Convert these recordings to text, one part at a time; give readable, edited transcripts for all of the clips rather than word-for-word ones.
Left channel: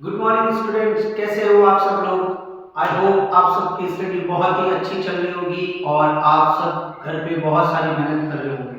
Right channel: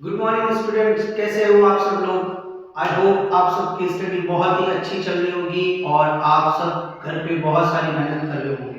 Good morning students, कैसे हो आप सब लोग। आई होप आप सबकी स्टडी बहुत ही अच्छी चल रही होगी और आप सब घर पे बहुत सारी मेहनत कर रहे होंगे।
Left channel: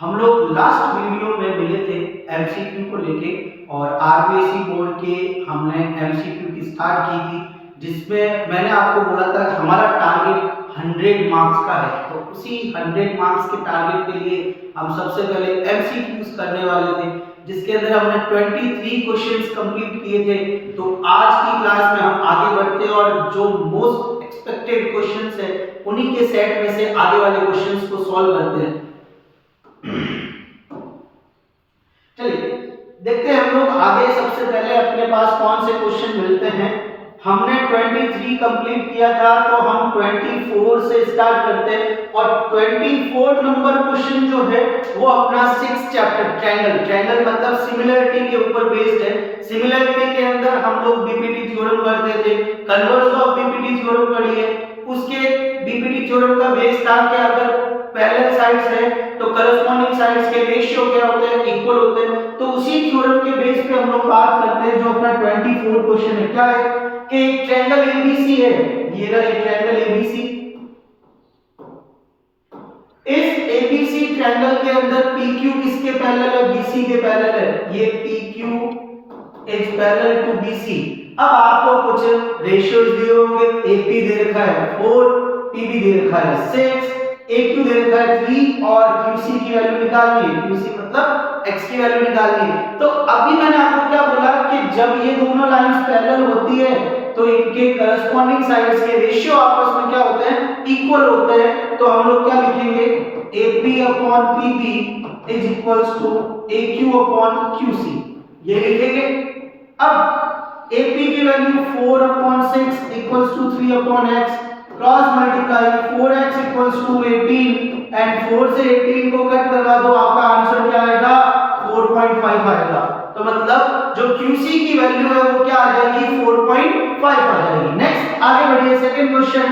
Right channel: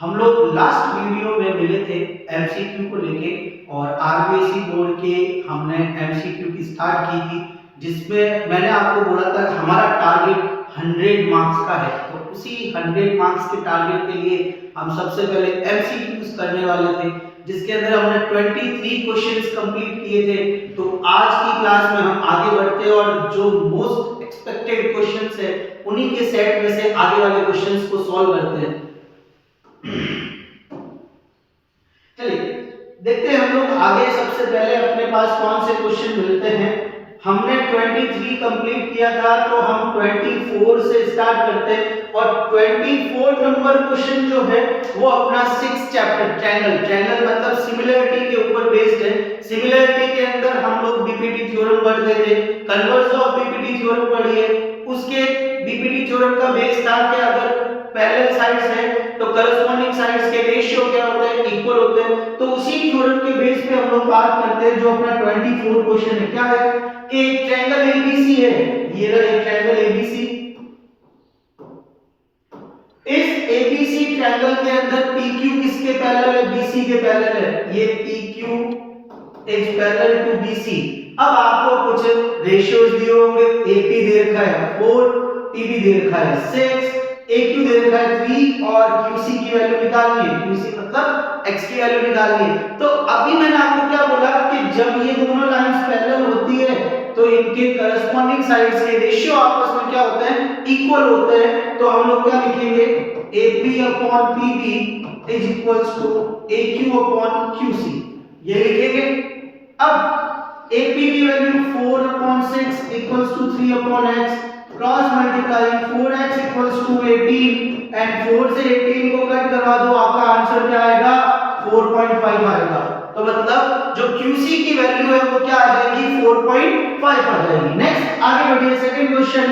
हम लोग लास्ट वीडियो में मिले थे एमसीक्यू को लेके और आरबीएसई बोर्ड के हमने एमसीक्यू की स्टार्ट की थी, जिसमें मैंने आपको बोला था कि हमारा टारगेट 100 मार्क्स का है। तो उसी 100 मार्क्स के टारगेट के लिए हम सबसे पहले एमसीक्यूज करने वाले थे, जिसके अंदर हमने 23 क्वेश्चंस कंप्लीट किए थे। तो आज की क्लास में हम आगे बढ़ते हैं और जो मोस्ट एक्सपेक्टेड क्वेश्चंस है उन्हीं के सेट में से आगे वाले क्वेश्चंस को सॉल्व करते हैं। चलिए देखते हैं हम लोग आगे। सबसे पहले अपने पास कौन से क्वेश्चन मिलते हैं। हमने 23 कंप्लीट किया था, तो हम 24 से स्टार्ट करते हैं और 24 नंबर क्वेश्चन जो है वो अपना 6 चैप्टर ट्रायंगल मतलब सिमिलरिटी के ऊपर बेस्ड है। सिमिलरिटी के अंदर हम लोग बीपीटी थ्योरम पढ़ते थे, कन्वर्स ऑफ बीपीटी थ्योरम पढ़िए। उसके बीपीटी थ्योरम का बेस था कि अगर पैरेलल साइड्स है तो करस्पॉन्डिंग साइड्स के रेशियो क्या होते हैं, इक्वल होते हैं। तो उसी थ्योरम के बेस पे हम लोग बात करते हैं। जो अपना 24 क्वेश्चन है क्या है कि एक ट्रायंगल एबीसी है, ये रहा एक ट्रायंगल एबीसी। इस एबीसी ट्रायंगल के अंदर पीक्यू किसके पैरेलल है, बीसी के पैरेलल है। ये PQ is parallel to BC. अब आपको कुछ रेशियोज दिए होंगे, एपी दे रखा है 4, पीबी दे रखा है 6, AQ दे रखा है 3 और QC की वैल्यू निकालनी है। QC मतलब X की वैल्यू निकालनी है। तो अभी मैंने आपको क्या बोला कि जब ये दोनों लाइंस पैरेलल होती है तो इनके करस्पॉन्डिंग साइड्स के रेशियो आपस में क्या होते हैं, इक्वल होते हैं। तो हम लोग क्या लिखेंगे, AP upon PB is equals to AQ upon QC, ये लिखेंगे। अब AP की value 4 upon 6 equals to 3 upon x, cross multiply 4x equals to 18 and 4 से 18 को कट करवा दो, आपका आंसर क्या आएगा, 4.5 आएगा। तो मतलब जो QC की वैल्यू है वो क्या आ जाएगी, 4.5 आ जाएगी। नेक्स्ट आगे बढ़िए, second question.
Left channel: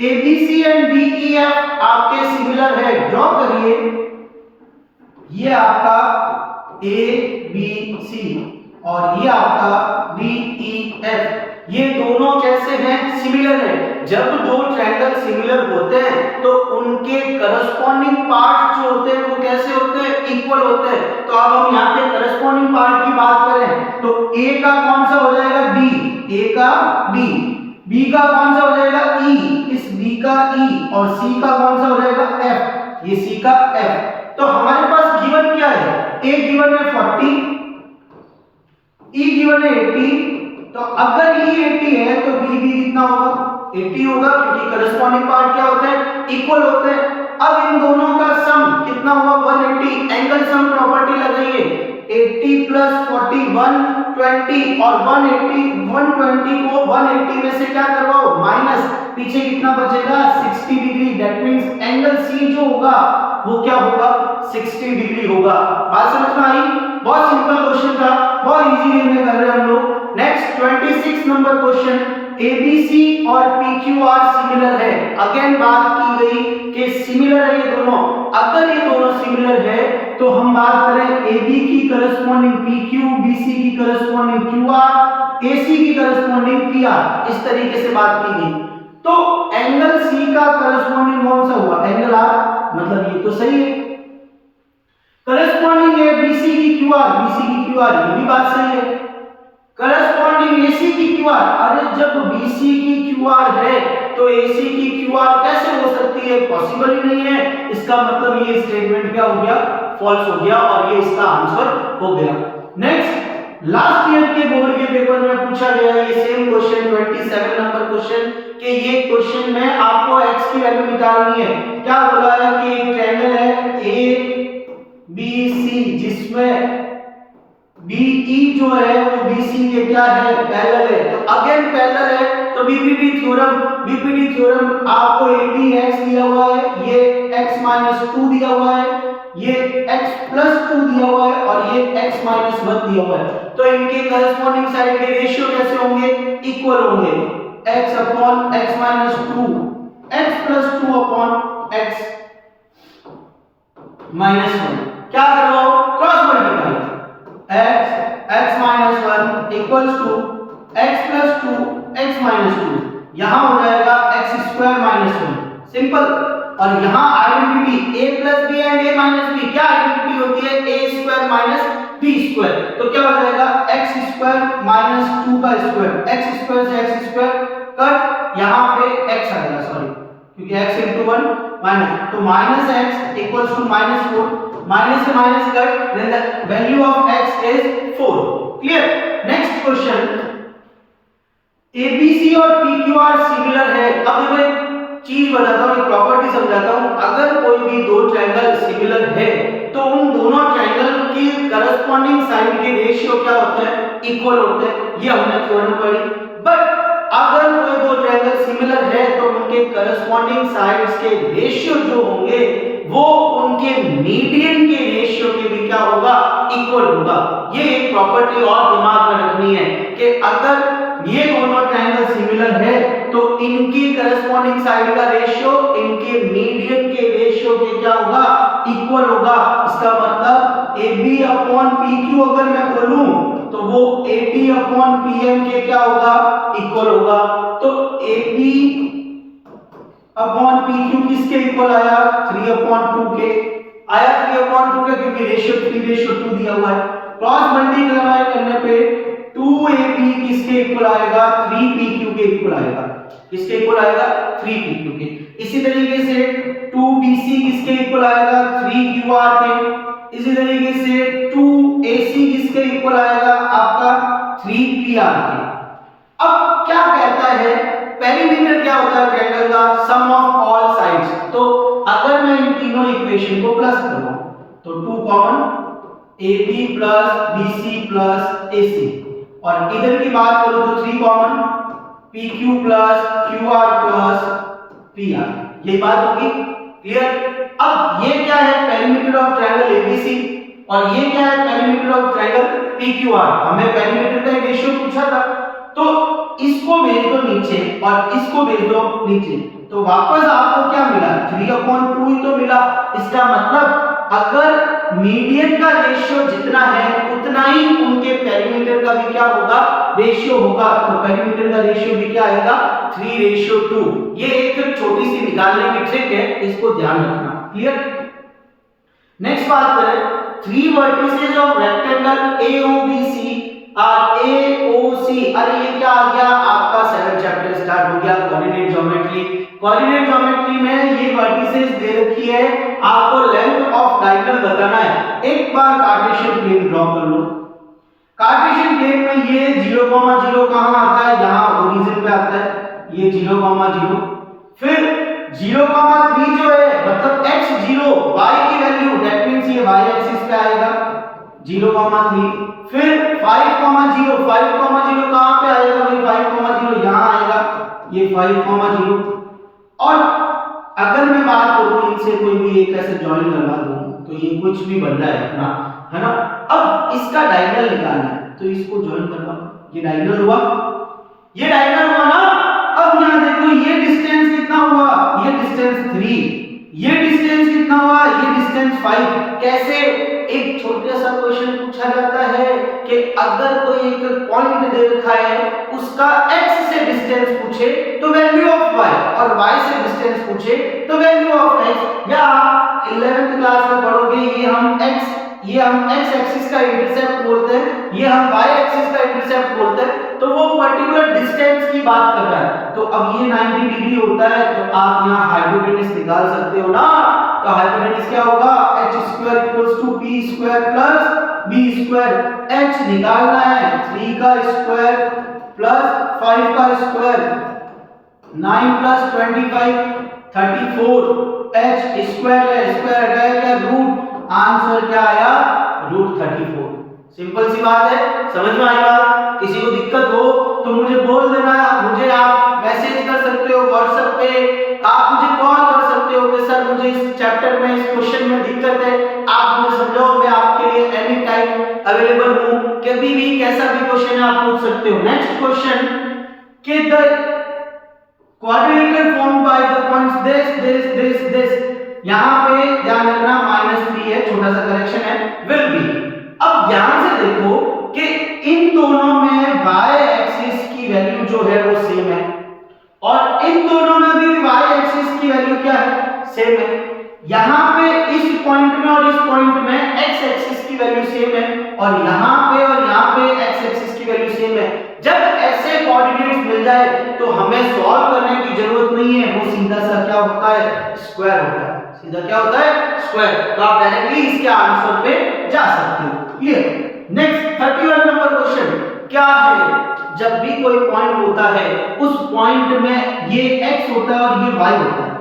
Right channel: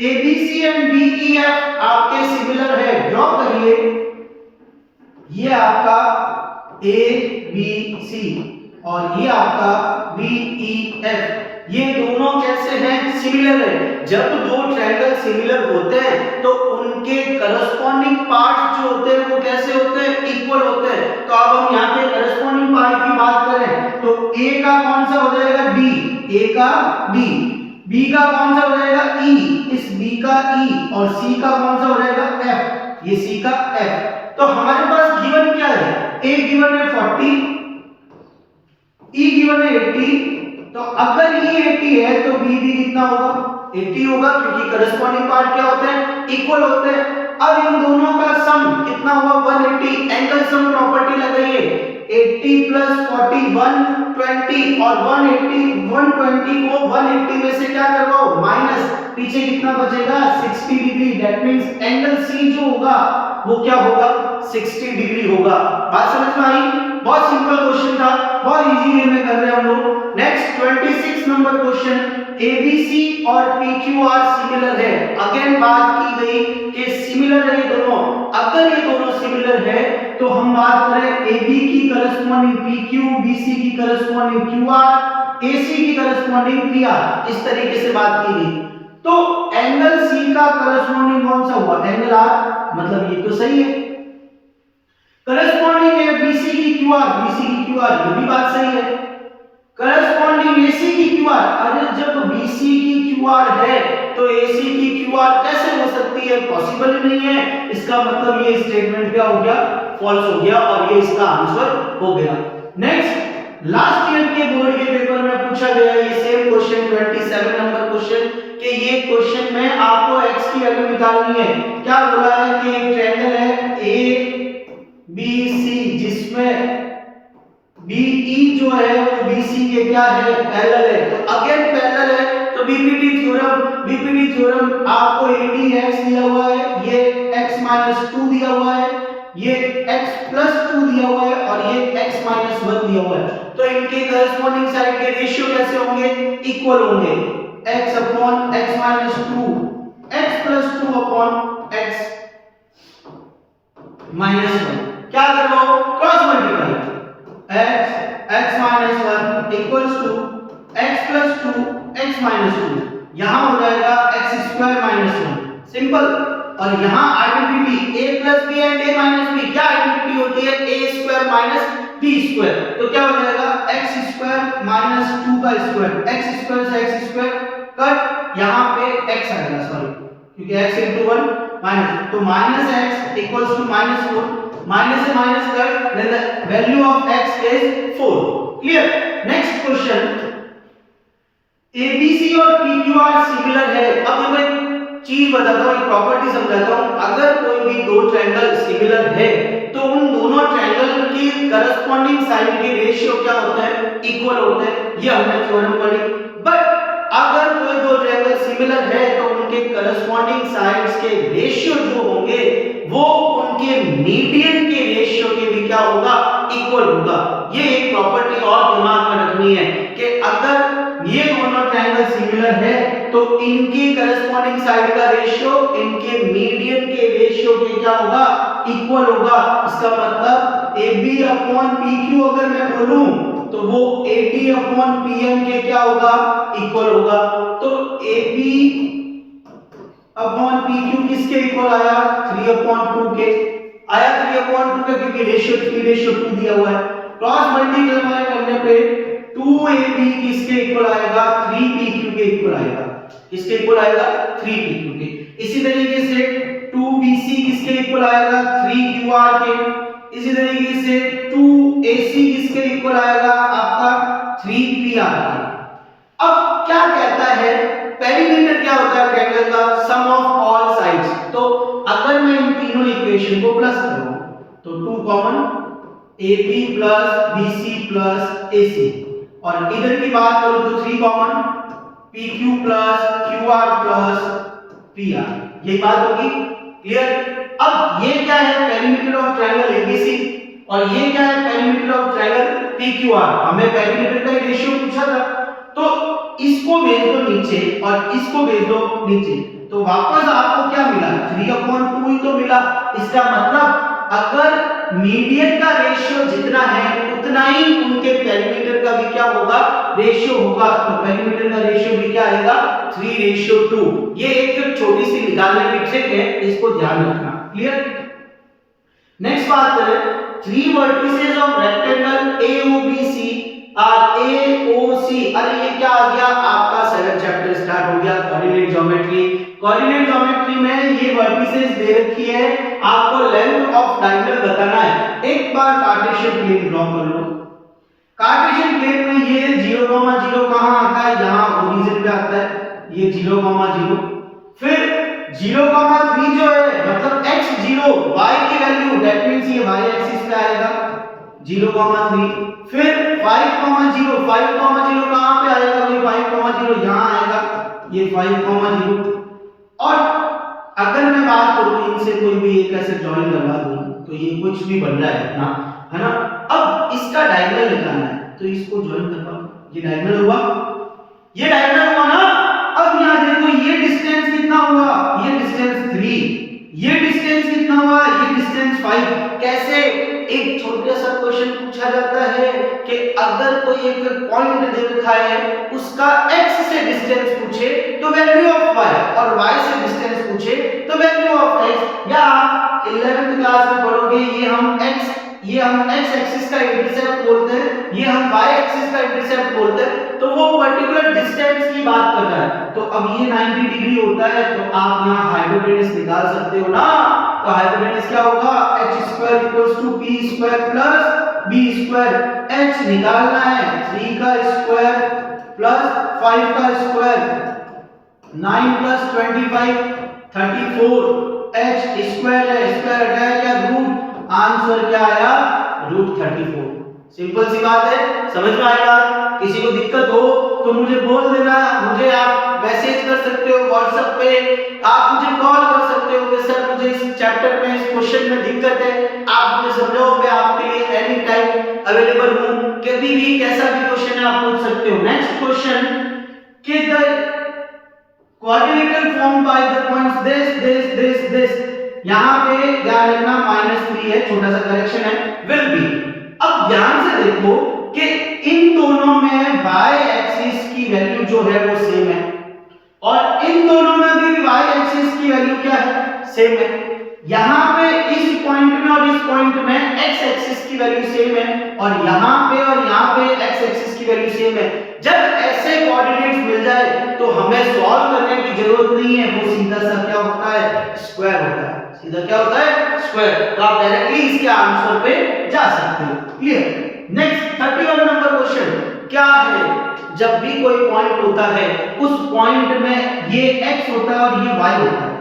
ABC and DEF आपके सिमिलर है, ड्रॉ करिए। ये आपका ABC और ये आपका DEF, ये दोनों कैसे हैं, सिमिलर है। जब दो ट्रायंगल सिमिलर होते हैं तो उनके करस्पॉन्डिंग पार्ट्स जो होते हैं वो कैसे होते हैं, इक्वल होते हैं। तो अब हम यहाँ पे करस्पॉन्डिंग पार्ट की बात करें तो A का कौन सा हो जाएगा, D, A का D, B का कौन सा हो जाएगा, E, इस B का E और C का कौन सा हो जाएगा, F, ये C का F। तो हमारे पास गिवन क्या है, A गिवन है 40, E गिवन है 80। तो अगर E 80 है तो B भी कितना होगा, 80 होगा, क्योंकि करस्पॉन्डिंग पार्ट क्या होते हैं, इक्वल होते हैं। अब इन दोनों का सम कितना हुआ, 180। एंगल सम प्रॉपर्टी लगाइए, 80 प्लस 40 120 और 120 को 180 में से क्या करवाओ, माइनस, पीछे कितना बचेगा, 60 degree. That means angle C जो होगा वो क्या होगा, 60 डिग्री होगा। बात समझ में आई। बहुत सिंपल क्वेश्चन था, बहुत इजी वे में कर रहे हैं हम लोग। Next 26 number question. ABC और PQR सिमिलर है। अगेन बात की गई कि सिमिलर है ये दोनों। अगर ये दोनों सिमिलर है तो हम बात करें AB की करस्पॉन्डिंग PQ, BC की करस्पॉन्डिंग QR, AC की करस्पॉन्डिंग PR, इस तरीके से बात की गई। तो एंगल C का करस्पॉन्डिंग कौन सा हुआ, एंगल R, मतलब ये तो सही है। करस्पॉन्डिंग है BC की QR, BC की QR, ये भी बात सही है। करस्पॉन्डिंग AC की QR, अरे जब BC की QR है तो AC की QR कैसे हो सकती है, पॉसिबल ही नहीं है। इसका मतलब ये स्टेटमेंट क्या हो गया, फॉल्स हो गया और ये इसका आंसर हो गया। नेक्स्ट, लास्ट ईयर के बोर्ड के पेपर में पूछा गया ये सेम क्वेश्चन, 27 नंबर क्वेश्चन, कि ये क्वेश्चन में आपको x की वैल्यू निकालनी है। क्या बोला है कि एक ट्रायंगल है ABC जिसमें BE जो है वो BC के क्या है, पैरेलल है। तो अगेन पैरेलल है तो बीपीटी थ्योरम आपको ADX दिया हुआ है, ये x-2 दिया हुआ है, ये x+2 दिया हुआ है और ये x-1 दिया हुआ है। तो इनके करस्पॉन्डिंग साइड के रेशियो कैसे होंगे, इक्वल होंगे। x upon x-2, x+2 upon x-1, क्या करवाओ, cross multiply, x x-1 equals to x plus 2 x minus 2, यहाँ हो जाएगा x स्क्वायर माइनस 1, सिंपल। और यहाँ identity a plus B and a minus B, क्या आइडेंटिटी होती है? a square minus b square, तो क्या हो जाएगा x स्क्वायर माइनस 2 का स्क्वायर, x स्क्वायर से x स्क्वायर कट, यहाँ पे x आएगा, सॉरी क्योंकि x into 1 माइनस, तो minus x equals to minus 4, minus से minus cut, then the value of x is 4, clear. Next question, ABC और PQR similar है। अब मैं एक चीज बताता हूँ, एक प्रॉपर्टी समझाता हूँ। अगर कोई भी दो ट्रायंगल सिमिलर है तो उन दोनों ट्रायंगल की करस्पॉन्डिंग साइड के रेशियो क्या होते हैं? इक्वल होते हैं, ये हमने थ्योरम पढ़ी। बट अगर कोई दो ट्रायंगल सिमिलर है तो उनके करस्पॉन्डिंग साइड्स के रेशियो जो होंगे वो उनके मीडियन के रेशियो के भी क्या होगा? इक्वल होगा। ये एक प्रॉपर्टी और दिमाग में रखनी है कि अगर ये दोनों ट्रायंगल सिमिलर है तो इनकी करस्पॉन्डिंग साइड का रेशियो इनके मीडियन के रेशियो के क्या होगा? इक्वल होगा। इसका मतलब AB अपॉन PQ अगर मैं बोलूं तो वो AD अपॉन PM के क्या होगा? इक्वल होगा। तो AB अपॉन PQ किसके इक्वल आया? 3 अपॉन 2 के आया, 3 अपॉन 2 के, क्योंकि रेशियो 3:2 दिया हुआ है। क्रॉस मल्टीप्लाई करने पे 2AB किसके इक्वल आएगा? 3PQ के इक्वल आएगा। किसके इक्वल आएगा? 3PQ के। इसी तरीके से 2BC किसके इक्वल आएगा? 3QR के। इसी तरीके से 2AC किसके इक्वल आएगा? आपका 3PR के। अब क्या कहता है? पेरीमीटर क्या होता है ट्रायंगल का? सम ऑफ ऑल साइड्स। तो अगर मैं इन तीनों इक्वेशन को प्लस करूं तो 2 common, AB plus BC plus AC, और इधर की बात करूं तो 3 common, PQ plus QR plus PR, यही बात होगी, क्लियर। अब ये क्या है? पेरीमीटर ऑफ ट्रायंगल ABC, और ये क्या है? Perimeter of triangle PQR। हमें पेरीमीटर का रेशियो पूछा था, तो इसको भेज दो नीचे और इसको भेज दो नीचे, तो वापस आपको क्या मिला? 3/2 ही तो मिला। इसका मतलब अगर मीडियन का रेशियो जितना है उतना ही उनके पेरीमीटर का भी क्या होगा? रेशियो होगा। तो पेरीमीटर का रेशियो भी क्या आएगा? 3:2। ये एक छोटी सी निकालने की ट्रिक है, इसको ध्यान रखना, क्लियर। नेक्स्ट बात करें, 3 वर्टिसेस ऑफ रेक्टेंगल AOBC और AOC। अरे ये क्या आ गया? आपका 7th चैप्टर स्टार्ट हो गया, कोऑर्डिनेट ज्योमेट्री। कोऑर्डिनेट ज्योमेट्री में ये वर्टिसेस दे रखी है, आपको लेंथ ऑफ डायगोनल बताना है। एक बार कार्टेशियन प्लेन ड्रॉ कर लो। कार्टेशियन प्लेन में ये 0,0 कहां आता है? यहां ओरिजिन पे आता है, ये 0,0। फिर 0,3 जो है मतलब x0 y की वैल्यू, दैट मींस ये y एक्सिस पे आएगा 0,3। फिर 5,0 कहां पे आएगा? भाई 5,0 यहां आएगा, ये 5,0। और अगर मैं बात करूं इनसे कोई भी एक ऐसे जॉइन लगा दूं तो ये कुछ भी बन रहा है ना, है ना। अब इसका डायगोनल निकालना है, तो इसको जॉइन करवाओ, ये डायगोनल हुआ, ये डायगोनल हुआ ना। अब यहां देखो ये डिस्टेंस कितना हुआ? ये डिस्टेंस 3, ये डिस्टेंस कितना हुआ? ये डिस्टेंस 5। कैसे? एक छोटा सा क्वेश्चन पूछा जाता है कि अगर कोई एक पॉइंट दे रखा है, उसका x से डिस्टेंस पूछे तो वैल्यू ऑफ y, और y से डिस्टेंस पूछे तो वैल्यू ऑफ x। या आप 11th क्लास में पढ़ोगे, ये हम x एक्सिस का इंटरसेप्ट बोलते हैं, ये हम y एक्सिस का इंटरसेप्ट बोलते हैं, तो वो पर्टिकुलर डिस्टेंस की बात कर रहा है। तो अब ये 90 डिग्री होता है, तो आप यहाँ हाइपोटेनस निकाल सकते हो ना। तो हाइपोटेनस क्या होगा? h² = p² + b²। h निकालना है, 3 का स्क्वायर प्लस 5 का स्क्वायर, 9 + 25 34, h स्क्वायर है, स्क्वायर हटाएगा रूट, आंसर क्या आया? √34। सिंपल सी बात है, समझ में आई बात? किसी को दिक्कत हो तो मुझे बोल देना, मुझे आप मैसेज कर सकते हो व्हाट्सएप पे, आप मुझे कॉल कर सकते हो कि सर मुझे इस चैप्टर में, इस क्वेश्चन में दिक्कत है, आप मुझे समझाओ, मैं आपके लिए एनी टाइम अवेलेबल हूं। कभी भी कैसा भी क्वेश्चन है आप पूछ सकते हो। नेक्स्ट क्वेश्चन, कि the quadrilateral formed by the points this यहां पे ध्यान रखना -3 है, छोटा सा करेक्शन है, विल बी। अब ध्यान से देखो कि इन दोनों में y एक्सिस सेम है। यहाँ पे इस पॉइंट में और इस पॉइंट में x एक्सिस की वैल्यू सेम है और यहाँ पे और यहाँ पे x एक्सिस की वैल्यू सेम है। जब ऐसे कोऑर्डिनेट्स मिल जाए तो हमें सॉल्व करने की जरूरत नहीं है, वो सीधा सा क्या होता है, स्क्वायर होता है। सीधा क्या होता है, स्क्वायर। तो आप डायरेक्टली इसके आंसर पे जा सकते हो। क्लियर। नेक्स्ट 31 नंबर क्वेश्चन क्या है, जब भी कोई पॉइंट होता है उस पॉइंट में ये x होता है और ये y होता है।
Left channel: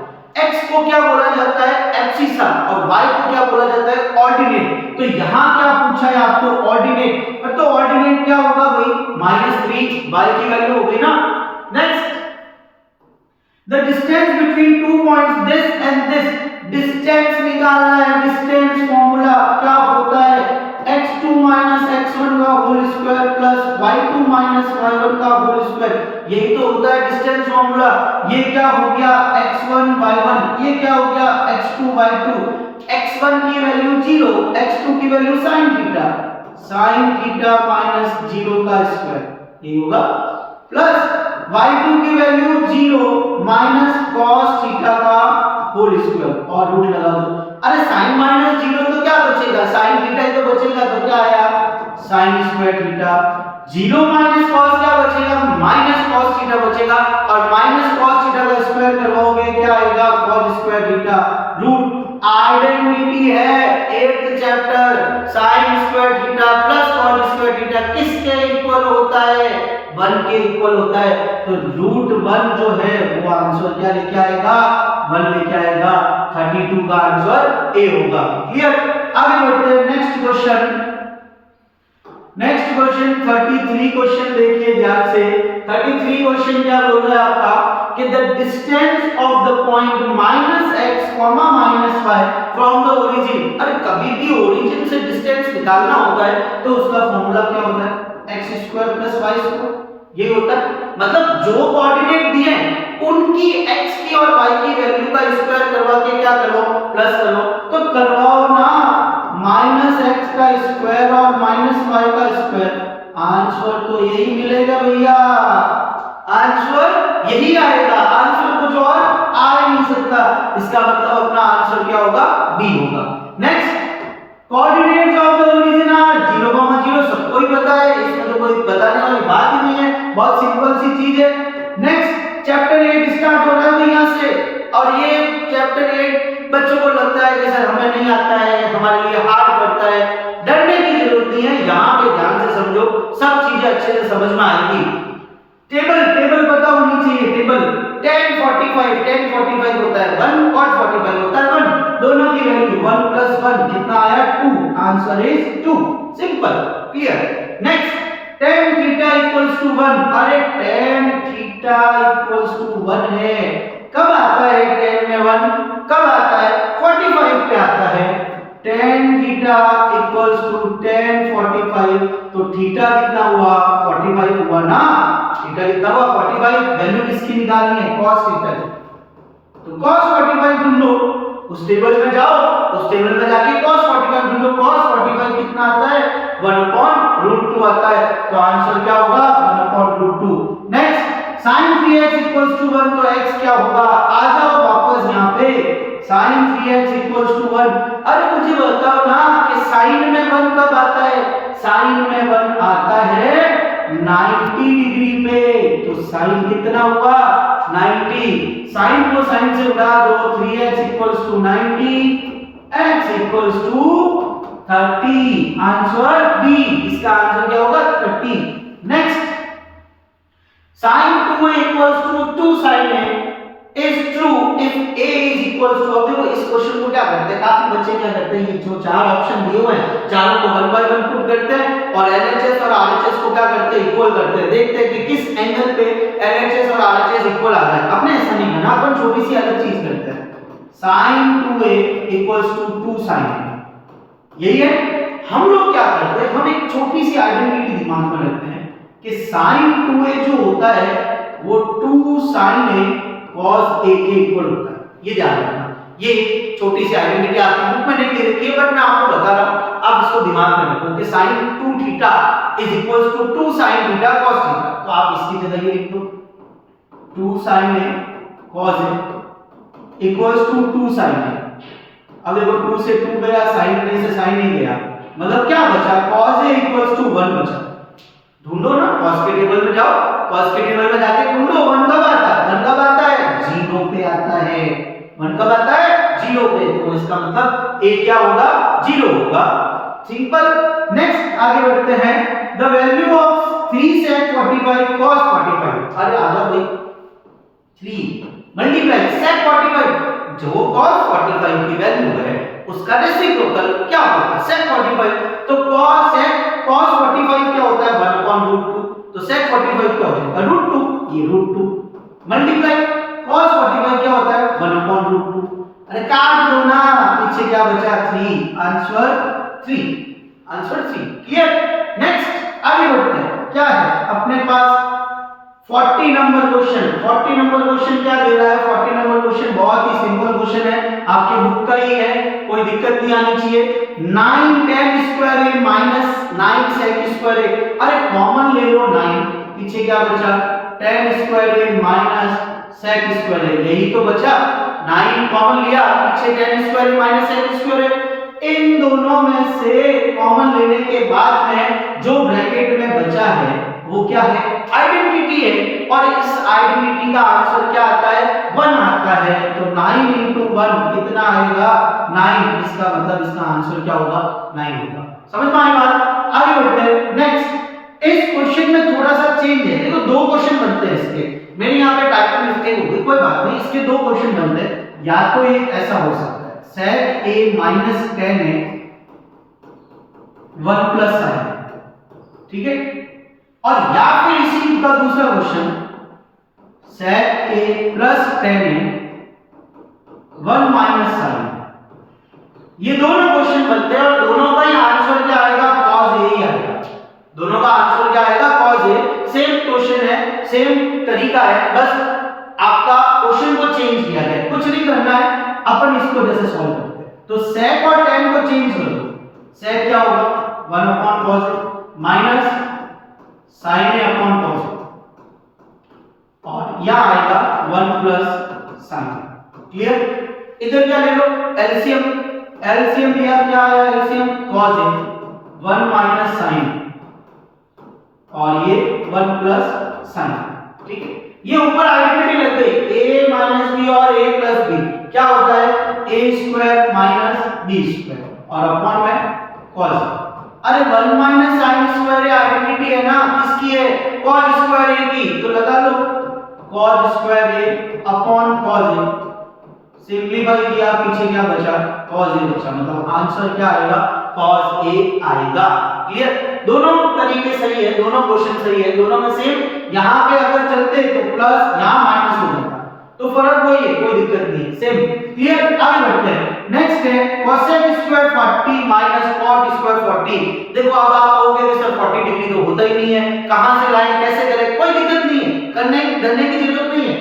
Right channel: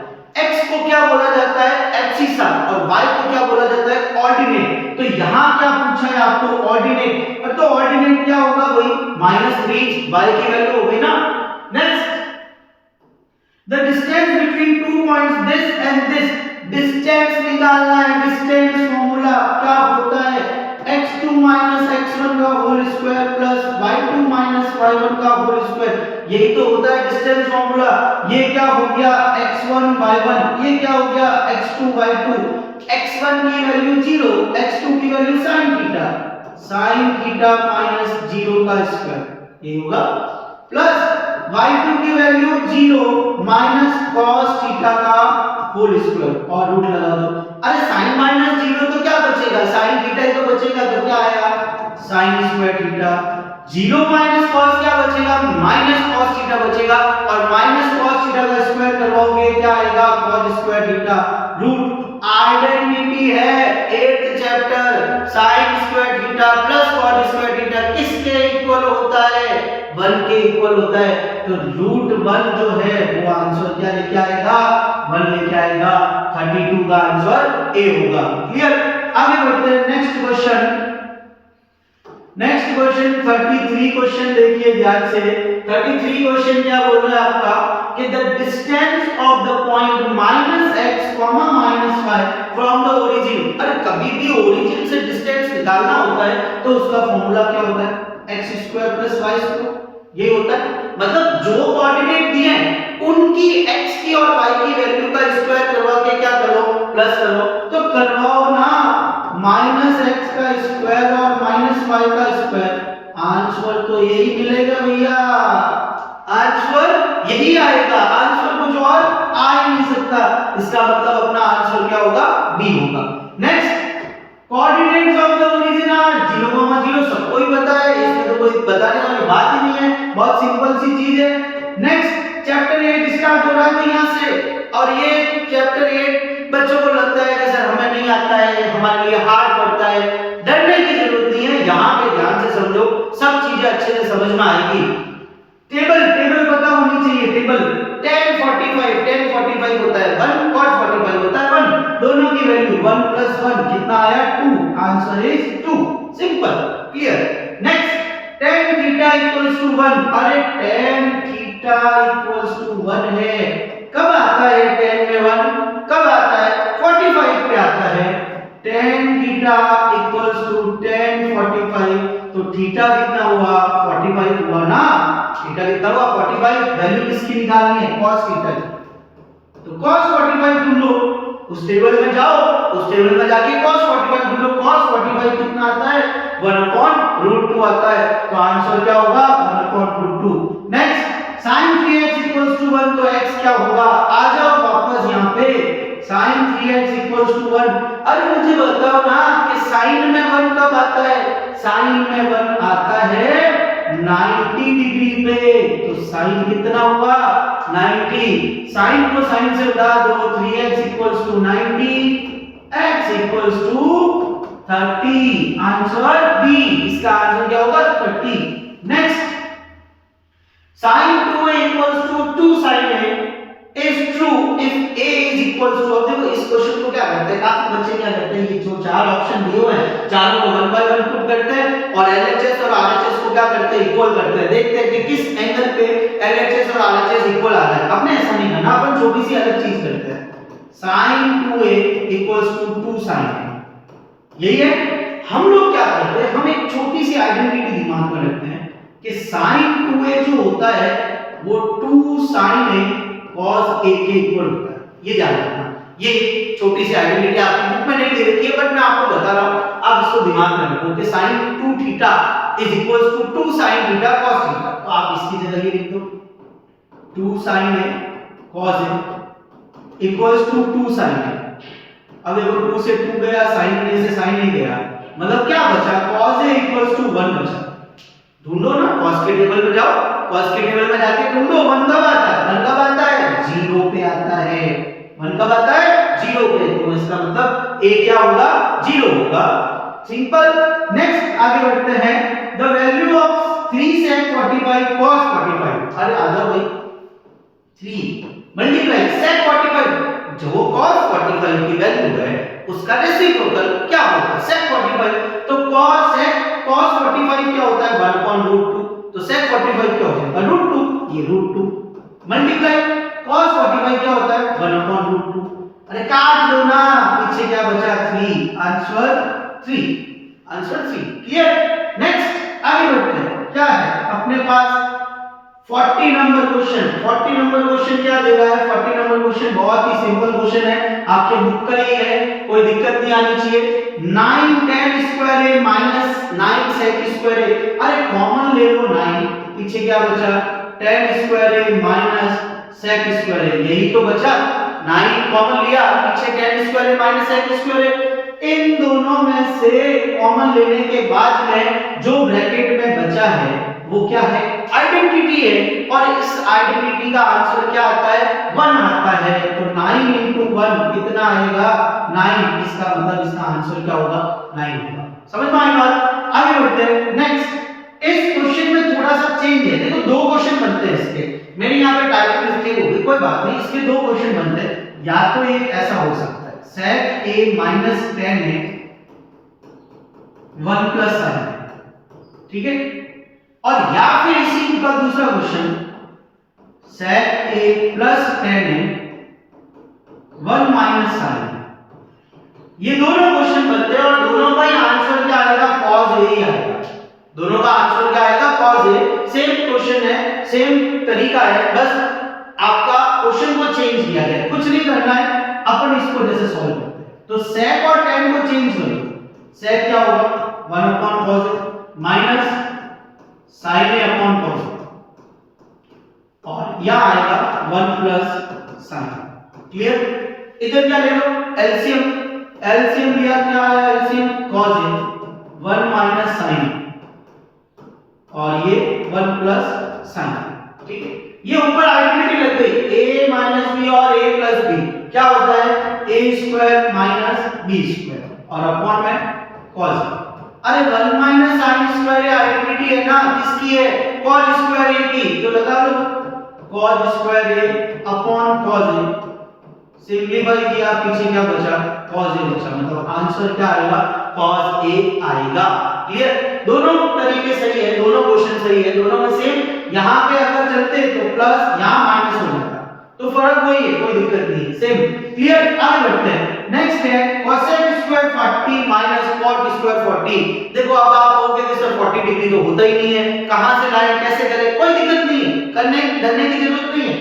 x को क्या बोला जाता है, एब्सिसा, और y को क्या बोला जाता है, ऑर्डिनेट। तो यहाँ क्या पूछा है आपको, ऑर्डिनेट। और तो ऑर्डिनेट क्या होगा, वही -3 y की वैल्यू हो गई ना। Next, the distance between two points this and this, distance निकालना है। डिस्टेंस फॉर्मूला क्या होता है, x2 x1 का whole square plus y2 y1 का होल स्क्वायर। यही तो होता है डिस्टेंस फॉर्मूला। ये क्या हो गया, x1 y1, ये क्या हो गया, x2 y2। x1 की वैल्यू 0, x2 की वैल्यू sin थीटा माइनस 0 का स्क्वायर, ये होगा, प्लस y2 की वैल्यू 0 माइनस cos थीटा का होल स्क्वायर और रूट लगा दो। अरे sin माइनस 0 तो क्या बचेगा, sin थीटा ही तो बचेगा, तो क्या आया, sin square theta. 0 minus cos क्या बचेगा, माइनस cos थीटा बचेगा, और माइनस cos थीटा का स्क्वायर करवाओगे क्या आएगा, cos square theta. Root identity है 8th chapter, sin square theta plus cos square theta किसके इक्वल होता है, 1 के इक्वल होता है। तो रूट 1 जो है वो आंसर क्या लेके आएगा, 1 लेके आएगा। 32 का आंसर ए होगा। क्लियर। आगे बढ़ते हैं next question. Next question 33 question देखिए ध्यान से। 33 क्वेश्चन क्या बोल रहा है आपका कि the distance of the point -x, -y from the origin. अरे कभी भी ओरिजिन से डिस्टेंस निकालना होता है तो उसका फॉर्मूला क्या होता है, x² + y², ये होता है। मतलब जो कोऑर्डिनेट दिए हैं उनकी x की और y की वैल्यू का स्क्वायर करवा के क्या करो, प्लस करो। तो करवाओ ना, -x का स्क्वायर और -y का स्क्वायर, आंसर तो यही मिलेगा भैया, आंसर यही आएगा। आंसर कुछ और आ ही नहीं सकता, इसका मतलब अपना आंसर क्या होगा, बी होगा। Next, coordinates of the origin are 0, 0, सबको ही पता है, इसमें तो कोई बताने वाली बात ही नहीं है, बहुत सिंपल सी चीज है। नेक्स्ट, चैप्टर 8 स्टार्ट हो रहा है यहां से, और ये चैप्टर 8 बच्चों को लगता है कि सर हमें नहीं आता है, हमारे लिए हार्ड पड़ता है। डरने की जरूरत नहीं है, यहाँ पे ध्यान से समझो, सब चीजें अच्छे से समझ में आएगी। टेबल पता होनी चाहिए। टेबल tan 45 होता है 1, cot 45 होता है 1, दोनों की वैल्यू 1 + 1 कितना आया, 2, answer is 2। Simple, clear. Next, tan theta = 1, अरे tan थीटा = 1 है, कब आता है tan में 1, कब आता है, 45 पे आता है। tan थीटा = tan 45, तो थीटा कितना हुआ, 45 हुआ ना, थीटा कितना हुआ, 45। वैल्यू किसकी निकालनी है, cos थीटा की, तो cos 45 ढूंढ लो, उस टेबल में जाओ, उस टेबल में जाके cos 45 ढूंढ लो। cos 45 कितना आता है, 1/√2 आता है, तो आंसर क्या होगा, 1/√2। नेक्स्ट, sin 3x = 1, तो x क्या होगा, आ जाओ वापस यहाँ पे, sin 3x = 1। अरे मुझे बताओ ना कि sin में 1 कब आता है, sin में 1 आता है 90 डिग्री पे, तो sin कितना हुआ, 90। sin को sin से उड़ा दो, 3x = 90, x = 30, आंसर बी, इसका आंसर क्या होगा, 30। Next, sin 2a = 2 sin a is true if a is equal to, अब देखो इस क्वेश्चन को क्या करते हैं, काफी बच्चे क्या करते हैं, ये जो चार ऑप्शन दिए हुए हैं चारों को 1 बाय 1 पुट करते हैं और LHS और RHS को क्या करते हैं, इक्वल करते हैं। देखते हैं कि किस एंगल पे LHS और RHS इक्वल आता है। अपने ऐसा नहीं करना, अपन छोटी सी अलग चीज करते हैं। sin 2a = 2 sin a, यही है। हम लोग क्या करते हैं, हम एक छोटी सी आइडेंटिटी दिमाग में रखते हैं कि sin 2a जो होता है वो 2 sin a cos a के इक्वल होता है, ये याद रखना। ये छोटी सी आइडेंटिटी आपकी बुक में नहीं दे रखी है, बट मैं आपको बता रहा हूं, आप इसको दिमाग में रखो कि sin 2 theta = 2 sin theta cos theta, तो आप इसकी जगह ये लिख दो 2 sin a cos a, equals to 2 sin a। अब देखो 2 से 2 गया, sin a से sin a गया, मतलब क्या बचा, cos a इक्वल्स टू 1 बचा। ढूंढो ना, cos के टेबल में जाओ, cos के टेबल में जाके ढूंढो 1 कब आता है, 1 कब आता है, 0 पे आता है। 1 कब आता है, 0 पे। तो इसका मतलब a क्या होगा, 0 होगा। सिंपल। नेक्स्ट आगे बढ़ते हैं, the value of 3 sec 45 cos 45। अरे आ जाओ भाई, 3 मल्टीप्लाई sec 45, जो cos 45 की वैल्यू है उसका रेसिप्रोकल क्या होगा, sec 45। तो cos 45 क्या होता है, 1/√2। तो sec 45 क्या हो जाएगा, √2, ये √2 मल्टीप्लाई cos 45 क्या होता है, 1/√2। अरे काट दो ना, पीछे क्या बचा, 3। Answer 3, answer 3। क्लियर। नेक्स्ट आगे बढ़ते हैं, क्या है अपने पास 40 नंबर क्वेश्चन। 40 नंबर क्वेश्चन क्या दे रहा है, 40 नंबर क्वेश्चन बहुत ही सिंपल क्वेश्चन है, आपके बुक का ही है, कोई दिक्कत नहीं आनी चाहिए। 9 tan square a minus 9 sec square a। अरे कॉमन ले लो 9, पीछे क्या बचा, tan square a minus sec square a, यही तो बचा। 9 कॉमन लिया, पीछे tan square a minus sec square a। इन दोनों में से कॉमन लेने के बाद में जो ब्रैकेट में बचा है वो क्या है, आइडेंटिटी है, और इस आइडेंटिटी का आंसर क्या आता है, 1 आता है। तो 9 into 1 कितना आएगा, 9। इसका मतलब इसका आंसर क्या होगा, 9 होगा। समझ में आई बात। आगे बढ़ते हैं। नेक्स्ट, इस क्वेश्चन में थोड़ा सा चेंज है, देखो 2 क्वेश्चन बनते हैं इसके, मेरे यहाँ पे टाइपिंग मिस्टेक हो गई, कोई बात नहीं, इसके 2 क्वेश्चन बनते हैं। या तो एक ऐसा हो सकता है, sec a minus tan a 1 plus sin a, ठीक है, और या फिर इसी का दूसरा question sec a plus tan a 1 minus sin a। ये दोनों क्वेश्चन बनते हैं और दोनों का ही आंसर क्या आएगा, cos a ही आएगा। दोनों का आंसर क्या आएगा, cos a। सेम क्वेश्चन है, सेम तरीका है, बस आपका क्वेश्चन को चेंज किया गया है, कुछ नहीं करना है, अपन इसको जैसे सॉल्व करते हैं। तो sec और tan को चेंज कर दो, sec क्या होगा, 1/cos a minus sin a upon cos a, और यह आएगा 1 प्लस sin। क्लियर। इधर क्या ले लो, एलसीएम, एलसीएम लिया, क्या आया LCM, cos a 1 minus sin और ये 1 प्लस sin। ठीक है, ये ऊपर आइडेंटिटी लग गई, a माइनस b और a प्लस b क्या होता है, a square minus b square और अपॉन में cos। अरे 1 माइनस sin स्क्वायर आइडेंटिटी है ना, किसकी है, cos स्क्वायर a की, तो लगा लो cos square a upon cos a। Simplify किया, पीछे क्या बचा, cos a बचा, मतलब आंसर क्या आएगा, cos a आएगा। क्लियर। दोनों तरीके सही है, दोनों क्वेश्चन सही है, दोनों में सेम। यहां पे अगर चलते तो प्लस, यहां माइनस हो जाता, तो फर्क वही है, कोई दिक्कत नहीं है, सेम। क्लियर। आगे बढ़ते हैं। नेक्स्ट है cosec square 40 minus cot square 40। देखो अब आप कहोगे कि सर 40 डिग्री तो होता ही नहीं है, कहां से लाएं, कैसे करें, कोई दिक्कत नहीं है, करने डरने की जरूरत नहीं है।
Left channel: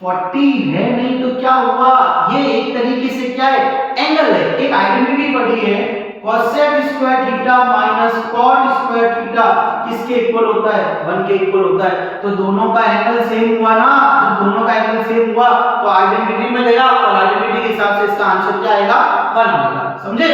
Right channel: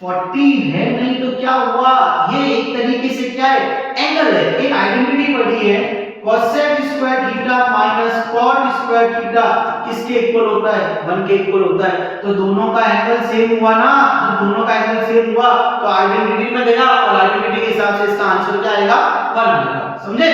40 है नहीं तो क्या हुआ, ये एक तरीके से क्या है, एंगल है, एक आइडेंटिटी पढ़ी है, cosec square theta minus cot square theta किसके इक्वल होता है, 1 के इक्वल होता है। तो दोनों का एंगल सेम हुआ ना, जब दोनों का एंगल सेम हुआ तो आइडेंटिटी में गया और आइडेंटिटी के हिसाब से इसका आंसर क्या आएगा, 1 आएगा। समझे।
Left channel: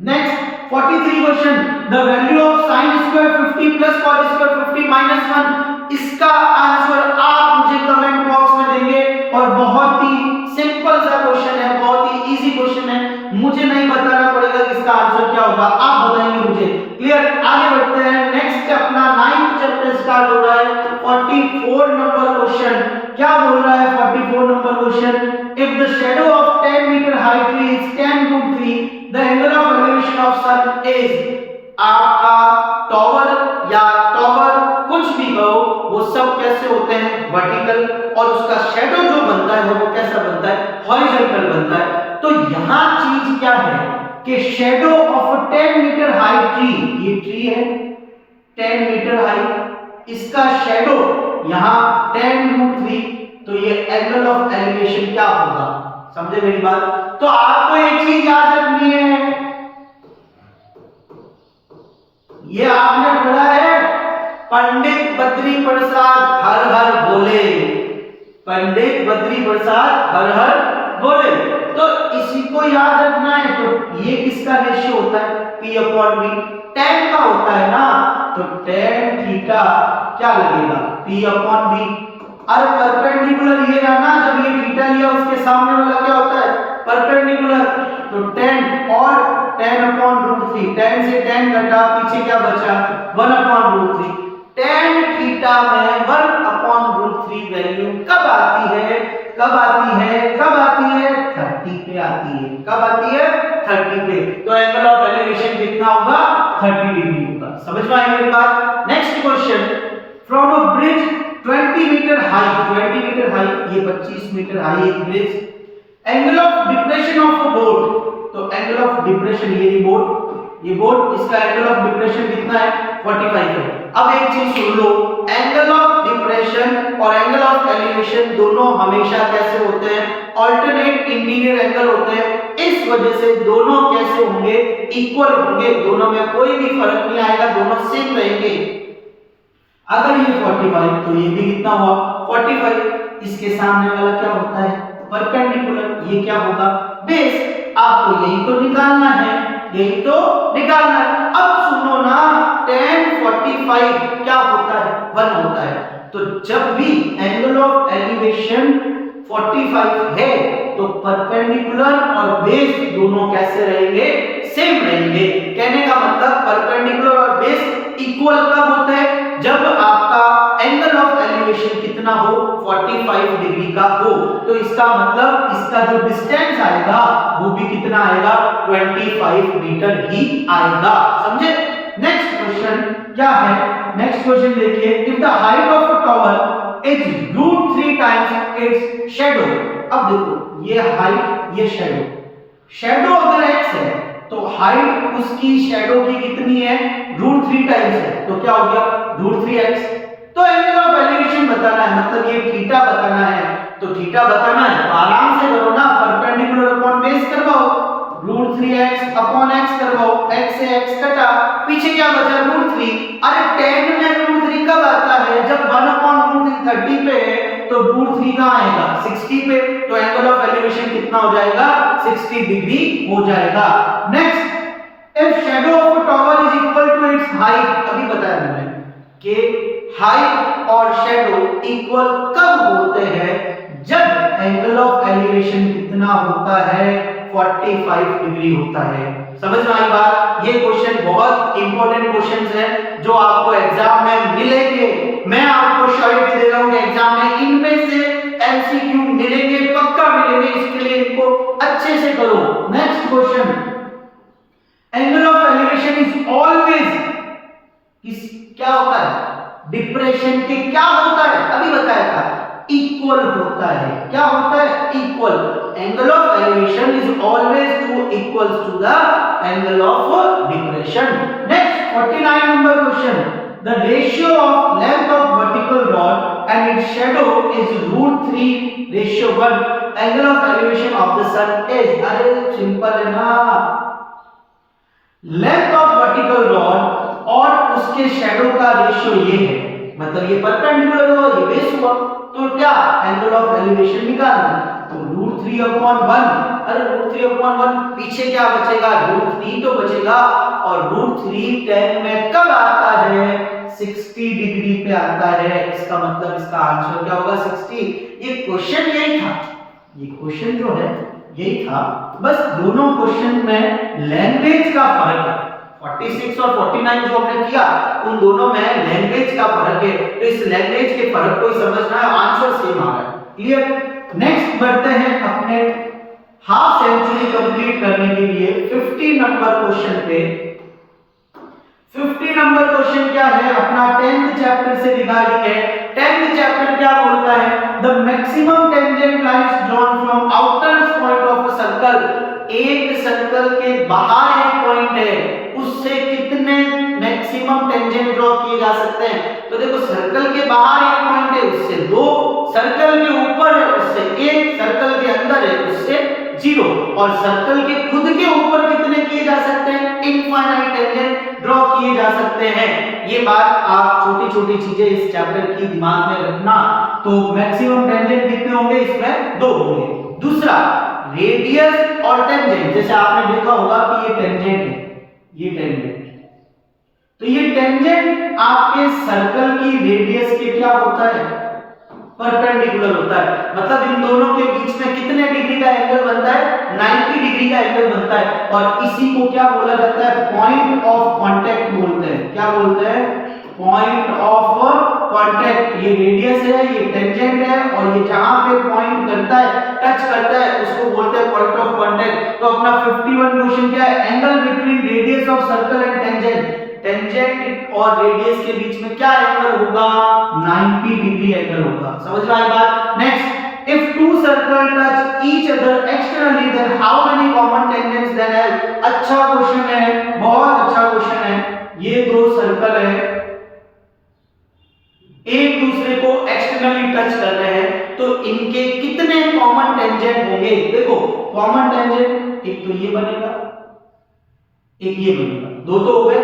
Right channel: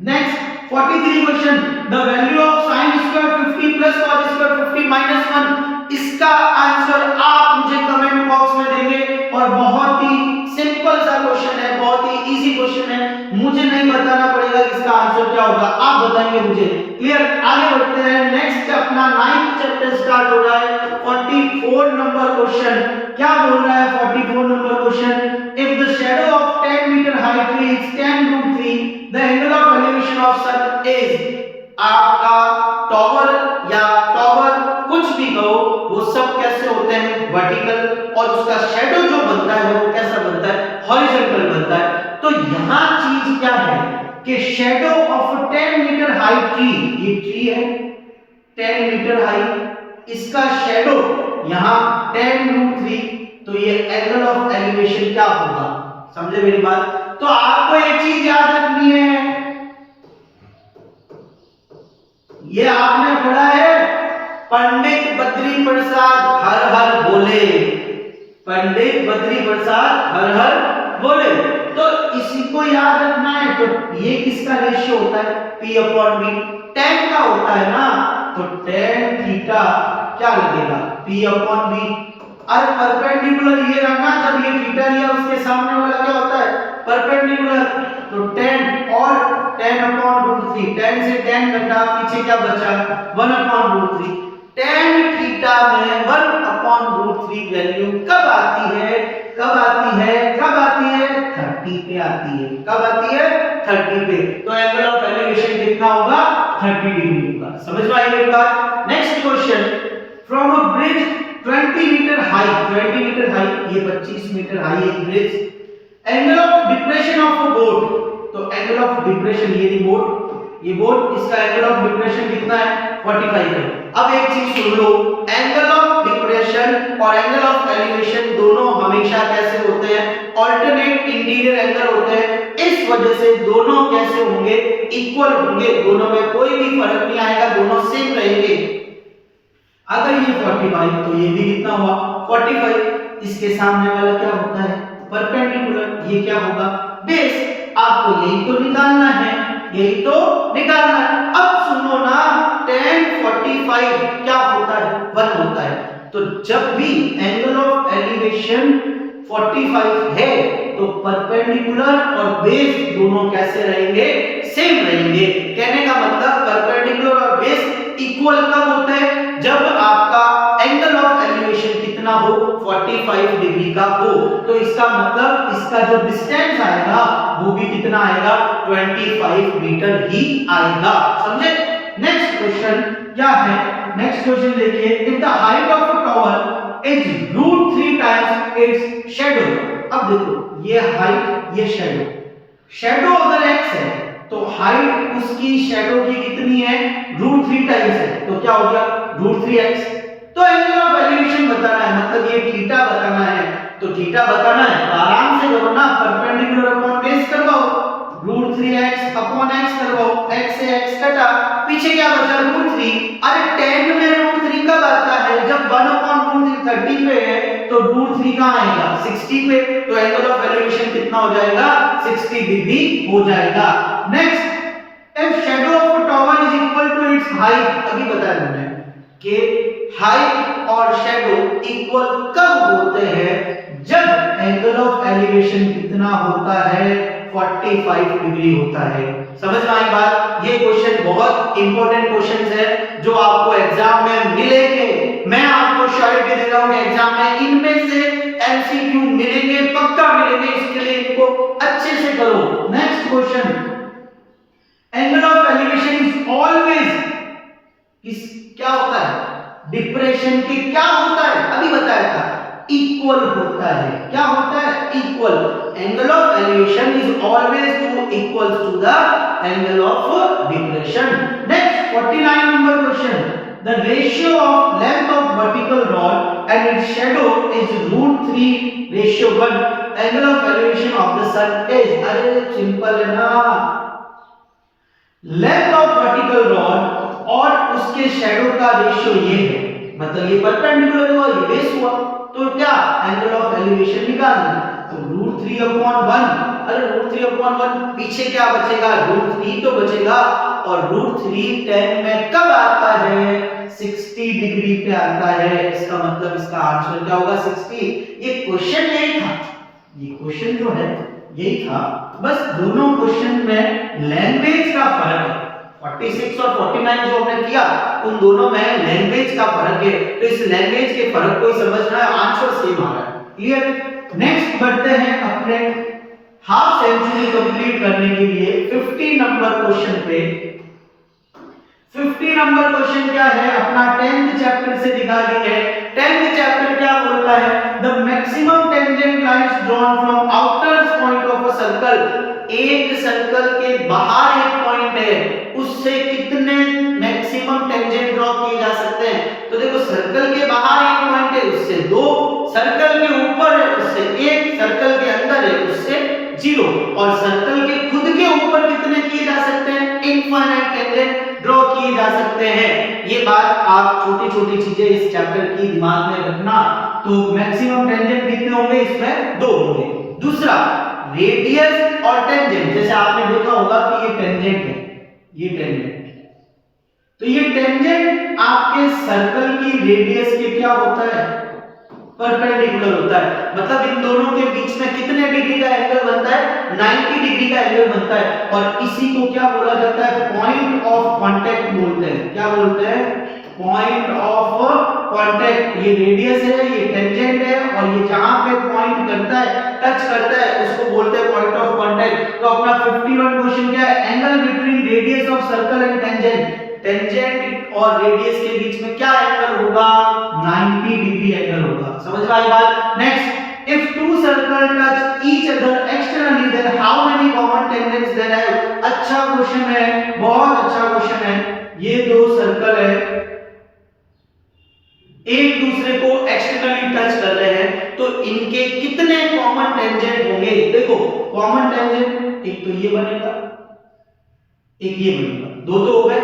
Next 43 question, the value of sin square 50 plus cot square 50 minus 1। इसका आंसर आप मुझे कमेंट बॉक्स में देंगे, और बहुत ही सिंपल सा क्वेश्चन है, बहुत ही इजी क्वेश्चन है, मुझे नहीं बताना पड़ेगा कि इसका आंसर क्या होगा, आप बताएंगे मुझे। क्लियर। आगे बढ़ते हैं। नेक्स्ट अपना 9th चैप्टर स्टार्ट हो रहा है। 44 नंबर क्वेश्चन क्या बोल रहा है, 44 number question, if the shadow of 10 metre high tree is 10√3, the angle of elevation of sun is. आपका टॉवर या टॉवर कुछ भी कहो, वो सब कैसे होते हैं, वर्टिकल, और उसका शैडो जो बनता है वो कैसा बनता है, हॉरिजॉन्टल बनता है। तो यहां चीज क्या है कि shadow of 10 metre high tree, ये ट्री है 10 मीटर हाई, इसका शैडो यहां 10√3, तो ये एंगल ऑफ एलिवेशन क्या होगा। समझे मेरी बात। तो आपको एक चीज याद रखनी है, ये आपने पढ़ा है, पंडित बद्री प्रसाद हर हर बोले, पंडित बद्री प्रसाद हर हर बोले। तो इसी को याद रखना है। तो ये किसका रेशियो होता है? P अपॉन V, tan का होता है ना, तो tan थीटा क्या लगेगा? P upon V। अरे परपेंडिकुलर ये रहा ना, जब ये थीटा लिया उसके सामने वाला क्या होता है? परपेंडिकुलर। तो tan और tan अपॉन रूट 3, tan से tan घटा, पीछे क्या बचा? 1 अपॉन रूट 3। tan थीटा में 1 अपॉन रूट 3 वैल्यू कब आती है? कब आती है? कब आती है? 30 पे आती है। कब आती है? 30 पे। तो एंगल ऑफ एलिवेशन कितना होगा? 30 डिग्री होगा। समझ में आई मेरी बात? Next question, from a bridge 20 metre high, 20 metre high, ये 25 मीटर हाई एक bridge, angle of depression of a boat, तो एंगल ऑफ डिप्रेशन ये बोट, ये बोट, इसका एंगल ऑफ डिप्रेशन कितना है? 45 है। अब एक चीज सुन लो, एंगल ऑफ डिप्रेशन और एंगल ऑफ एलिवेशन दोनों हमेशा कैसे होते हैं? अल्टरनेट इंटीरियर एंगल होते हैं। इस वजह से दोनों कैसे होंगे? इक्वल होंगे, दोनों में कोई भी फर्क नहीं आएगा, दोनों सेम रहेंगे। अगर ये 45 तो ये भी कितना हुआ? 45। इसके सामने वाला क्या होता है? परपेंडिकुलर। ये क्या होगा? बेस। आपको यही तो निकालना है, यही तो निकालना है। अब सुनो ना, tan 45 क्या होता है? 1 होता है। तो जब भी एंगल ऑफ एलिवेशन 45 है तो परपेंडिकुलर और बेस दोनों कैसे रहेंगे? सेम रहेंगे। कहने का मतलब परपेंडिकुलर और बेस इक्वल कब होते हैं? जब आपका एंगल ऑफ एलिवेशन कितना हो? 45 डिग्री का हो। तो इसका मतलब इसका जो डिस्टेंस आएगा वो भी कितना आएगा? 25 मीटर ही आएगा। समझे? नेक्स्ट क्वेश्चन क्या है? नेक्स्ट क्वेश्चन देखिए, if the height of a tower is √3 times it's shadow. अब देखो, ये हाइट, ये शैडो। शैडो अगर x है तो हाइट उसकी शैडो की कितनी है? √3 टाइम्स है। तो क्या हो गया? √3x। तो एंगल ऑफ एलिवेशन बताना है, मतलब ये थीटा बताना है। तो थीटा बताना है तो आराम से करो ना, परपेंडिकुलर अपॉन बेस करवाओ, √3x अपॉन x करवाओ, x से x कटा, पीछे क्या बचा? √3। अरे tan में √3 कब आता है? जब 1 अपॉन √3 30 पे है, तो √3 कहां आएगा? 60 पे। तो एंगल ऑफ एलिवेशन कितना हो जाएगा? 60 डिग्री हो जाएगा। Next, if shadow of a tower is equal to its height, अभी बताया मैंने कि हाइट और शैडो इक्वल कब होते हैं? जब एंगल ऑफ एलिवेशन कितना होता है? 45 डिग्री होता है। समझ में आई बात? ये क्वेश्चन बहुत इंपॉर्टेंट क्वेश्चंस है जो आपको एग्जाम में मिलेंगे। मैं आपको श्योरिटी दे रहा हूं कि एग्जाम में इनमें से एमसीक्यू मिलेंगे, पक्का मिलेंगे। इसके लिए इनको अच्छे से करो। Next question, angle of elevation is always क्या होता है? डिप्रेशन के क्या होता है? अभी बताया था, इक्वल होता है। क्या होता है? Equal. Angle of elevation is always to equal to the angle of depression. Next 49 number question, the ratio of length of vertical rod and its shadow is √3:1, angle of elevation of the sun is. अरे simple है ना, length of vertical rod और उसके shadow का ratio ये है, मतलब ये परपेंडिकुलर हुआ, ये बेस हुआ, तो क्या एंगल ऑफ एलिवेशन निकालना? तो √3/1। अरे √3/1, पीछे क्या बचेगा? √3 तो बचेगा। और √3 tan में कब आता है? 60 डिग्री पे आता है। इसका मतलब इसका आंसर क्या होगा? 60। ये क्वेश्चन यही था, ये क्वेश्चन जो है यही था, बस दोनों क्वेश्चन में लैंग्वेज का फर्क है। 46 और 49 जो हमने किया उन दोनों में लैंग्वेज का फर्क है। तो इस लैंग्वेज के फर्क को समझना है, आंसर सेम आ रहा है। क्लियर? नेक्स्ट बढ़ते हैं अपने हाफ सेंचुरी कंप्लीट करने के लिए 50 नंबर क्वेश्चन पे। 50 नंबर क्वेश्चन क्या है? अपना 10th चैप्टर से रिगार्डिंग है। 10th चैप्टर क्या बोलता है? The maximum tangent lines drawn from outer point of a circle. एक सर्कल के बाहर एक पॉइंट है, उससे कितने मैक्सिमम टेंजेंट ड्रॉ किए जा सकते हैं? तो देखो, सर्कल के बाहर एक पॉइंट है, उससे 2, सर्कल के ऊपर है उससे 1, सर्कल के अंदर है उससे 0, और सर्कल के खुद के ऊपर कितने किए जा सकते हैं? इनफाइनाइट टेंजेंट ड्रॉ किए जा सकते हैं। ये बात आप छोटी छोटी चीजें इस चैप्टर की दिमाग में रखना। तो मैक्सिमम टेंजेंट कितने होंगे, इसमें 2 होंगे। दूसरा रेडियस और टेंजेंट, जैसे आपने देखा होगा कि ये टेंजेंट है, ये टेंजेंट, तो ये टेंजेंट आपके सर्कल की रेडियस के क्या होता है, परपेंडिकुलर होता है। मतलब इन दोनों के बीच में कितने डिग्री का एंगल बनता है, 90 डिग्री का एंगल बनता है। और इसी को क्या बोला जाता है, पॉइंट ऑफ कांटेक्ट बोलते हैं। क्या बोलते हैं, पॉइंट ऑफ कांटेक्ट। ये रेडियस है, ये टेंजेंट है, और ये जहां पे पॉइंट करता है, टच करता है, उसको बोलते हैं पॉइंट ऑफ कांटेक्ट। तो अपना 51 क्वेश्चन क्या है, angle between radius of circle and tangent. Tangent और रेडियस के बीच में क्या एंगल होगा, 90 डिग्री एंगल होगा। समझ में आई बात। Next, if two circle touch each other externally then how many common tangents there have. अच्छा क्वेश्चन है, बहुत अच्छा क्वेश्चन है। ये दो सर्कल है, एक दूसरे को एक्सटर्नली टच कर रहे हैं, तो इनके कितने कॉमन टेंजेंट होंगे। देखो कॉमन टेंजेंट एक तो ये बनेगा, एक ये बनेगा, दो तो हो गए,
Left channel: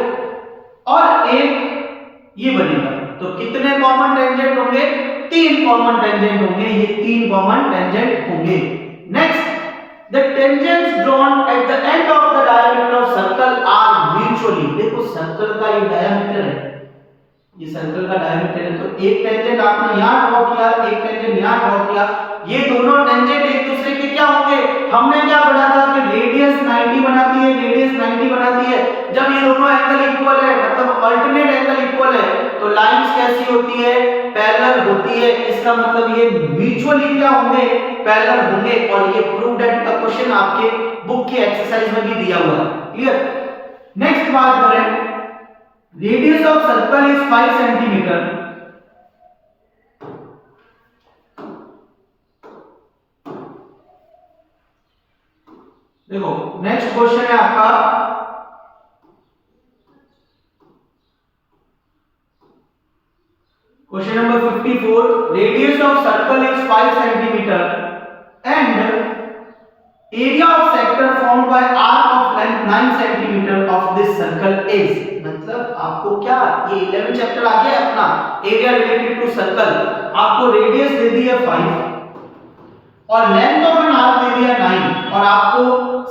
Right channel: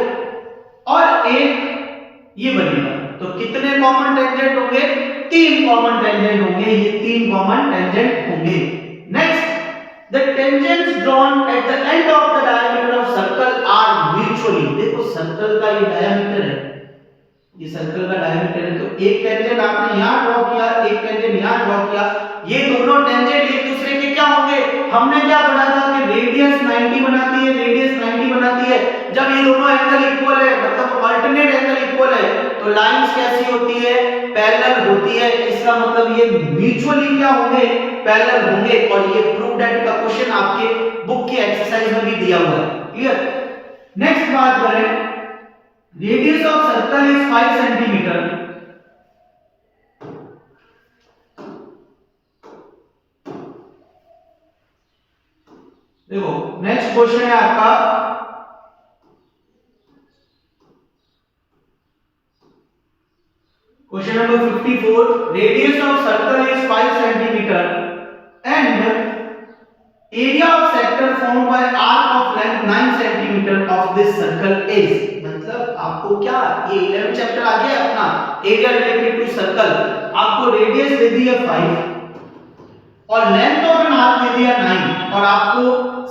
और एक ये बनेगा। तो कितने कॉमन टेंजेंट होंगे, 3 कॉमन टेंजेंट होंगे। ये 3 कॉमन टेंजेंट होंगे। Next, the tangents drawn at the end of the diameter of circle are mutually. देखो सर्कल का ये डायमीटर है, ये सर्कल का डायमीटर है, तो एक टेंजेंट आपने यहां ड्रॉ किया, एक टेंजेंट यहां ड्रॉ किया। ये दोनों टेंजेंट एक दूसरे के क्या होंगे, हमने क्या पढ़ा था कि रेडियस 90 बनाती है, रेडियस 90 बनाती है। जब ये दोनों एंगल इक्वल है, मतलब अल्टरनेट एंगल इक्वल है, तो लाइंस कैसी होती है, पैरेलल होती है। इसका मतलब ये म्यूचुअली क्या होंगे, पैरेलल होंगे। और ये प्रूव दैट का क्वेश्चन आपके बुक की एक्सरसाइज में भी दिया हुआ है। क्लियर। नेक्स्ट बात करें, radius of circle is 5 centimetre. देखो नेक्स्ट क्वेश्चन है आपका, question number 54, radius of circle is 5 centimetre and area of sector formed by arc of length 9 centimetre of this circle is. मतलब आपको क्या, ये 11 चैप्टर आ गया अपना एरिया रिलेटेड टू सर्कल। आपको रेडियस दे दी है 5 और लेंथ ऑफ एन आर्क दे दिया 9, और आपको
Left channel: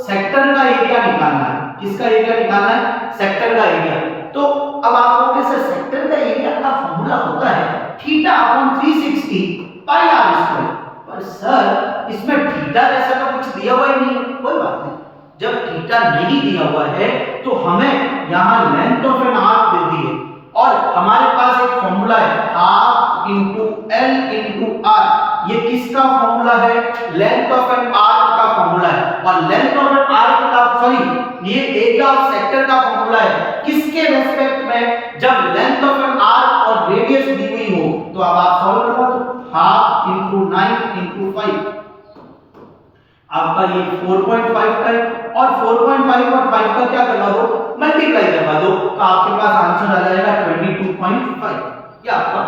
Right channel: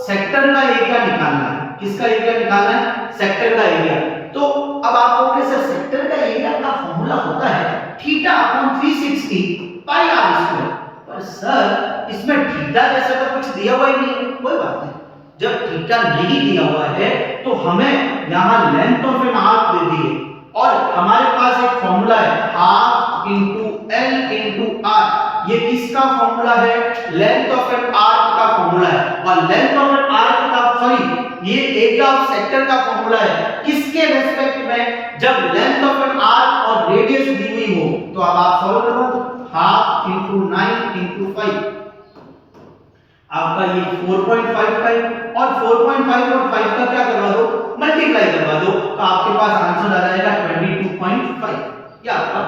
सेक्टर का एरिया निकालना है। किसका एरिया निकालना है, सेक्टर का एरिया। तो अब आप कहोगे सर सेक्टर का एरिया का फार्मूला होता है theta upon 360 pi r square. पर सर इसमें थीटा जैसा तो कुछ दिया हुआ ही नहीं है। कोई बात नहीं, जब थीटा नहीं दिया हुआ है तो हमें यहां लेंथ ऑफ एन आर्क दे दी है, और हमारे पास एक फार्मूला है half into L into r. ये किसका फार्मूला है, लेंथ ऑफ एन आर्क का फार्मूला है। और लेंथ ऑफ एन आर्क का, सॉरी ये एरिया ऑफ सेक्टर का फार्मूला है किसके रेस्पेक्ट में, जब लेंथ ऑफ एन आर्क और रेडियस दी हुई हो। तो अब आप सॉल्व करो, हाफ इंटू 9 इंटू 5, आपका ये 4.5 है, और 4.5 और 5 का क्या करवा दो, मल्टीप्लाई करवा दो, तो आपके पास आंसर आ जाएगा 22.5। ये आपका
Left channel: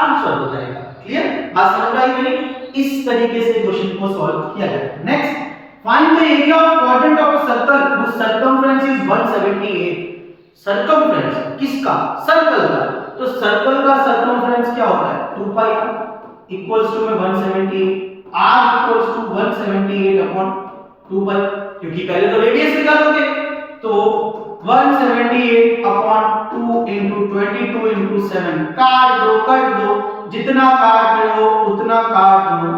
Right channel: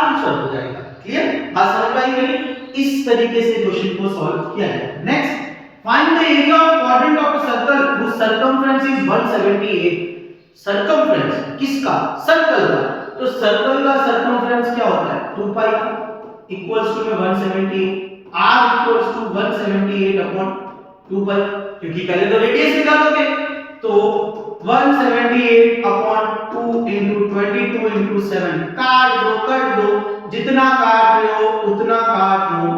आंसर हो जाएगा। क्लियर, बात समझ में आई मेरी। इस तरीके से क्वेश्चन को सॉल्व किया जाए। Next, find the area of quadrant of a circle whose circumference is 178। Circumference किसका, सर्कल का। तो सर्कल का सर्कमफ्रेंस क्या होता है, 2 pi equals to 178, r equals to 178 upon 2 pi, क्योंकि पहले तो रेडियस निकालोगे। तो 178 अपॉन 2 into 22 into 7, काट दो, कट दो, जितना काट रहे हो उतना काट दो,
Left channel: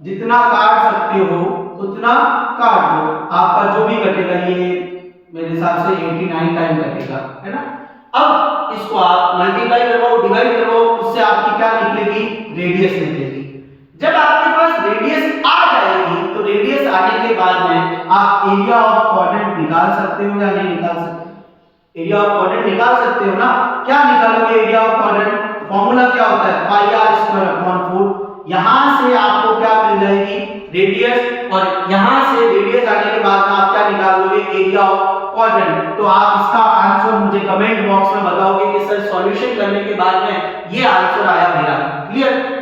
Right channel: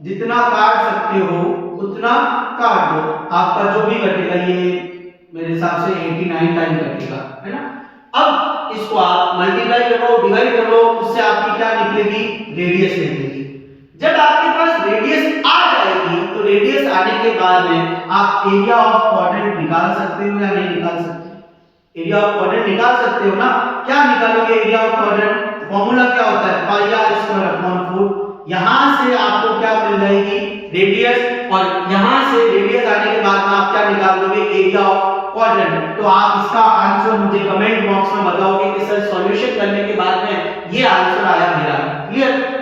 जितना काट सकते हो उतना काट दो। आपका जो भी कटेगा ये मेरे हिसाब से 89 टाइम कटेगा, है ना। अब इसको आप मल्टीप्लाई करो, डिवाइड करो, उससे आपकी क्या निकलेगी, रेडियस निकलेगी। जब आपके पास रेडियस आ जाएगी तो रेडियस आने के बाद में आप एरिया ऑफ क्वाड्रेंट निकाल सकते हो या नहीं निकाल सकते, एरिया ऑफ क्वाड्रेंट निकाल सकते हो ना। क्या निकालोगे एरिया ऑफ क्वाड्रेंट, फॉर्मूला क्या होता है, पाई आर स्क्वायर अपॉन 4। यहां से आपको क्या मिल जाएगी, रेडियस, और यहां से रेडियस आने के बाद में आप क्या निकाल लोगे, एरिया ऑफ क्वाड्रेंट। तो आप इसका आंसर मुझे कमेंट बॉक्स में बताओगे कि सर सॉल्यूशन करने के बाद में ये आंसर आया मेरा। क्लियर।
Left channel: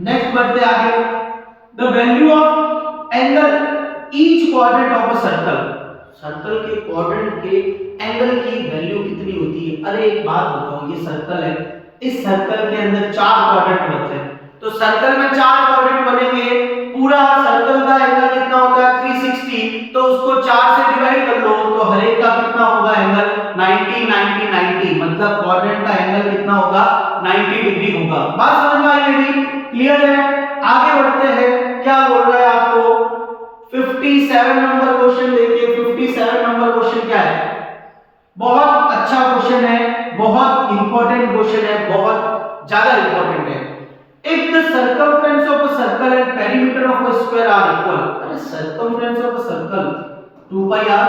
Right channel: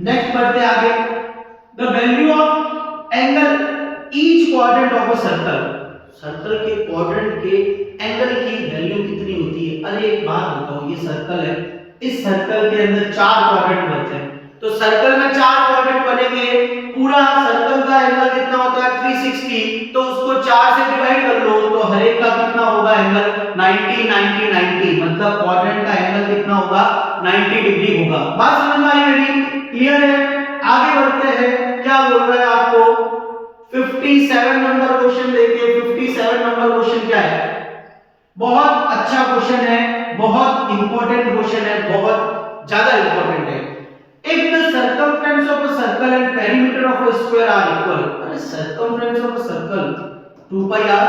नेक्स्ट बढ़ते आगे, the value of angle each quadrant of a circle. Circle के क्वाड्रेंट के एंगल की वैल्यू कितनी होती है? अरे एक बात बताओ, ये सर्कल है, इस सर्कल के अंदर 4 क्वाड्रेंट बनते हैं, तो सर्कल में 4 क्वाड्रेंट बनेंगे, पूरा सर्कल का एंगल कितना होता है 360, तो उसको 4 से डिवाइड कर लो तो हर एक का कितना होगा एंगल 90 90 90, मतलब क्वाड्रेंट का एंगल कितना होगा 90 डिग्री होगा। बात समझ में आई मेरी? क्लियर है? आगे बढ़ते हैं, क्या बोल रहा है आपको 57 नंबर क्वेश्चन देखिए। 57 नंबर क्वेश्चन क्या है? बहुत अच्छा क्वेश्चन है, बहुत इंपॉर्टेंट क्वेश्चन है, बहुत ज्यादा इंपॉर्टेंट है। If the circumference of a circle and perimeter of a square are equal, अरे circumference of a circle 2 pi r,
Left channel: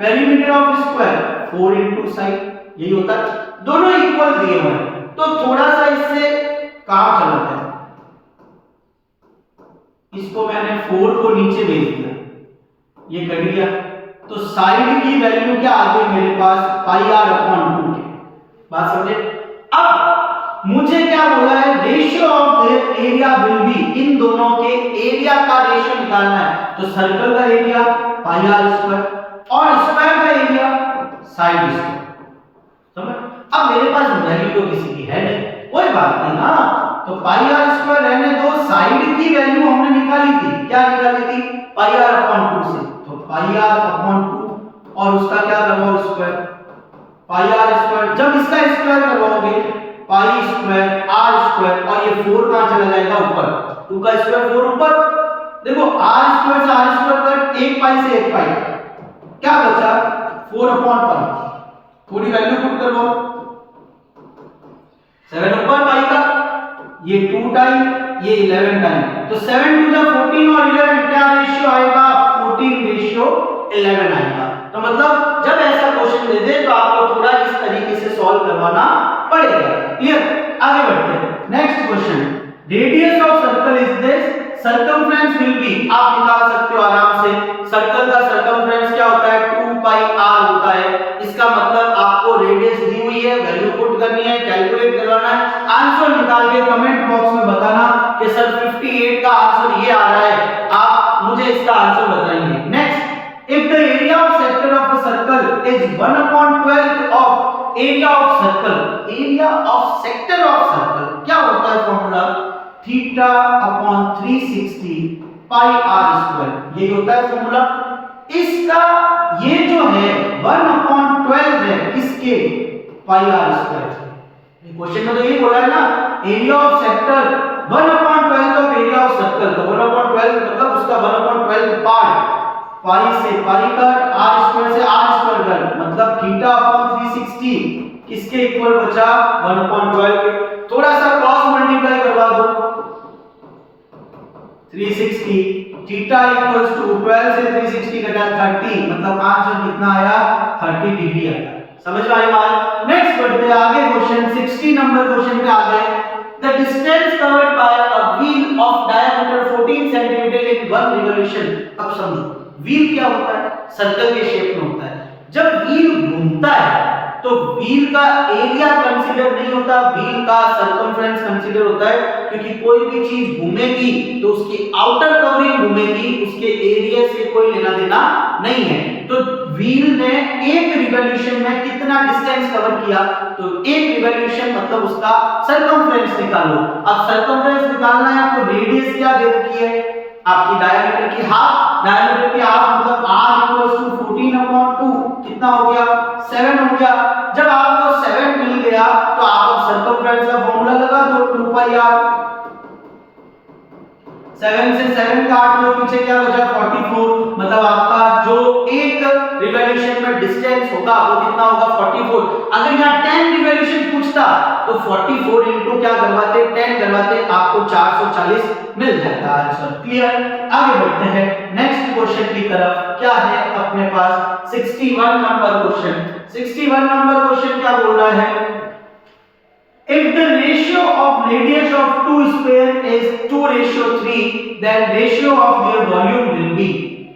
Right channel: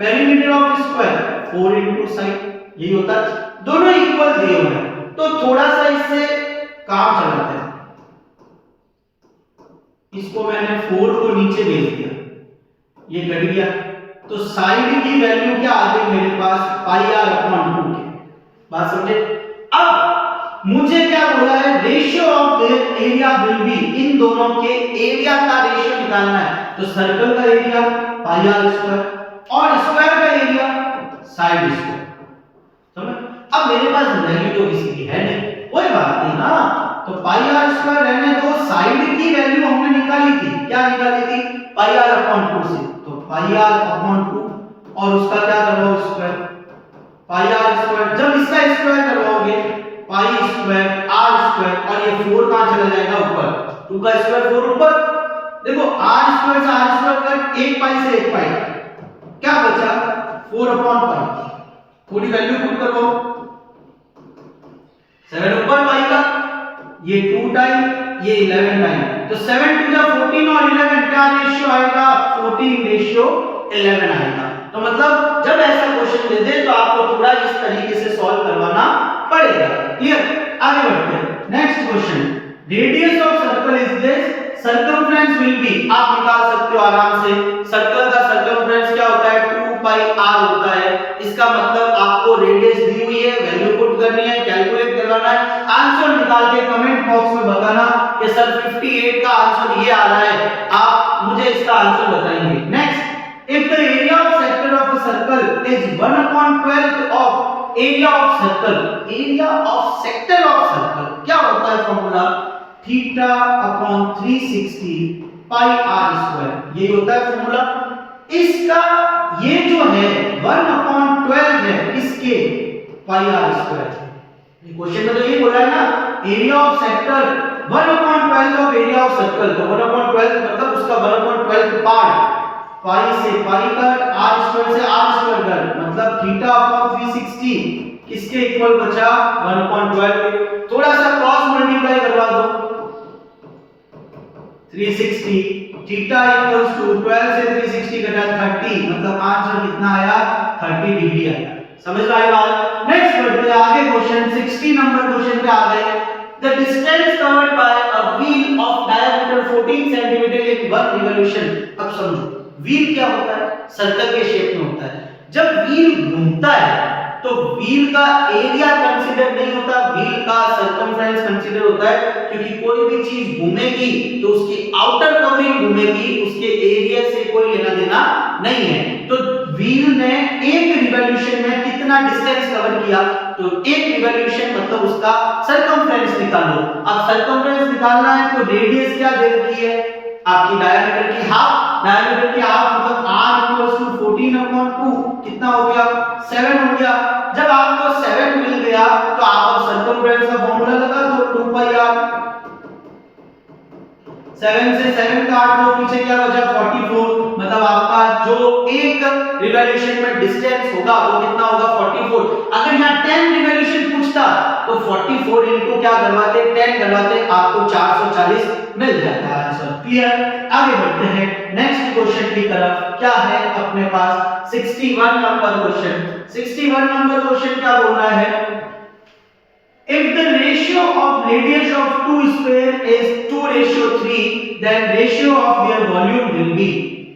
perimeter of a square 4 into side, यही होता है, दोनों इक्वल दिए हुए हैं, तो थोड़ा सा इससे काम चलाते हैं। इसको मैंने 4 को नीचे भेज दिया, ये कट गया, तो साइड की वैल्यू क्या आ गई मेरे पास पाई आर अपॉन 2 के। बात समझे? अब मुझे क्या बोला है, ratio of their area will be, इन दोनों के एरिया का रेशियो निकालना है, तो सर्कल का एरिया पाई आर स्क्वायर और स्क्वायर का एरिया साइड स्क्वायर। समझ? अब मेरे पास वैल्यू तो किसी की है नहीं, कोई बात नहीं ना, तो पाई आर स्क्वायर रहने दो, साइड की वैल्यू हमने निकाली थी, क्या निकाली थी पाई आर अपॉन 2 से, तो पाई आर अपॉन 2 और उसका क्या करवाओ स्क्वायर, पाई आर स्क्वायर, जब इसका स्क्वायर करवाओगे पाई स्क्वायर आर स्क्वायर, और ये 4 कहां चला जाएगा ऊपर, 2 का स्क्वायर 4 ऊपर, देखो आर स्क्वायर से आर स्क्वायर कट, 1 पाई से 1 पाई, क्या बचा 4 अपॉन पाई, पूरी वैल्यू पुट करो, 7 ऊपर पाई का, ये 2 टाइम, ये 11 टाइम, तो 7 टू द 14 और 11 क्या रेशियो आएगा 14 रेशियो 11 आएगा। तो मतलब जब ऐसा क्वेश्चन दे दे तो आपको थोड़ा इस तरीके से सॉल्व करवाना पड़ेगा। क्लियर? आगे बढ़ते हैं, next question, radius of circle is this, circumference will be, आप निकाल सकते हो आराम से, सर्कल का सर्कमफ्रेंस क्या होता है 2 पाई r होता है, इसका मतलब आपको रेडियस दी हुई है, वैल्यू पुट करनी है, कैलकुलेट करवाना है, आंसर निकाल के कमेंट बॉक्स में बताना कि सर 58 का आंसर ये आ रहा है, आप मुझे इसका आंसर बताएंगे। Next, if the area of sector of a circle is 1/12 of area of circle, area of sector of circle क्या होता है formula theta upon 360 pi r square, ये होता है फॉर्मूला। इसका ये जो है 1/12 है किसके पाई आर स्क्वायर, क्वेश्चन में तो यही बोला है ना, area of sector 1/12 of area of circle, तो 1/12 मतलब उसका 1/12 पार्ट, पाई से पाई कट, आर स्क्वायर से आर स्क्वायर कट, मतलब थीटा अपॉन 360 किसके इक्वल बचा 1/12 के, थोड़ा सा क्रॉस मल्टीप्लाई करवा दो, 360 थीटा इक्वल्स टू 12 से 360 कटा 30, मतलब आंसर कितना आया 30 डिग्री आया। समझ में आई बात? नेक्स्ट बढ़ते हैं आगे, क्वेश्चन 60 नंबर क्वेश्चन पे आ गए। The distance covered by a wheel of diameter 14 cm in one revolution, अब समझो व्हील क्या होता है, सर्कल के शेप में होता है, जब व्हील घूमता है तो व्हील का एरिया कंसीडर नहीं होता, व्हील का सर्कमफ्रेंस कंसीडर होता है, क्योंकि कोई भी चीज घूमेगी तो उसकी आउटर कवरिंग घूमेगी, उसके एरिया से कोई लेना देना नहीं है। तो व्हील ने एक रिवॉल्यूशन में कितना डिस्टेंस कवर किया, तो एक रिवॉल्यूशन मतलब उसका सर्कमफ्रेंस निकालो। अब सर्कमफ्रेंस निकालना है तो रेडियस क्या दे रखी है आपकी, डायमीटर की हाफ, डायमीटर की हाफ मतलब r 14/2 कितना हो गया 7 हो गया। जब आपको 7 मिल गया तो आप अब सर्कमफ्रेंस का फार्मूला लगा दो 2 पाई r, 7 से 7 काट दो, पीछे क्या बचा 44, मतलब आपका जो एक रिवॉल्यूशन में डिस्टेंस होगा वो कितना होगा 44। अगर यहाँ 10 रिवॉल्यूशन पूछता तो 44 इनटू क्या करवाते 10 करवाते, आपको 440 मिल जाता आंसर। क्लियर? आगे बढ़ते हैं नेक्स्ट क्वेश्चन की तरफ, क्या है अपने पास 61 नंबर क्वेश्चन। 61 नंबर क्वेश्चन क्या बोल रहा है, if the ratio of radius of two sphere is 2:3 then ratio of their volume will be,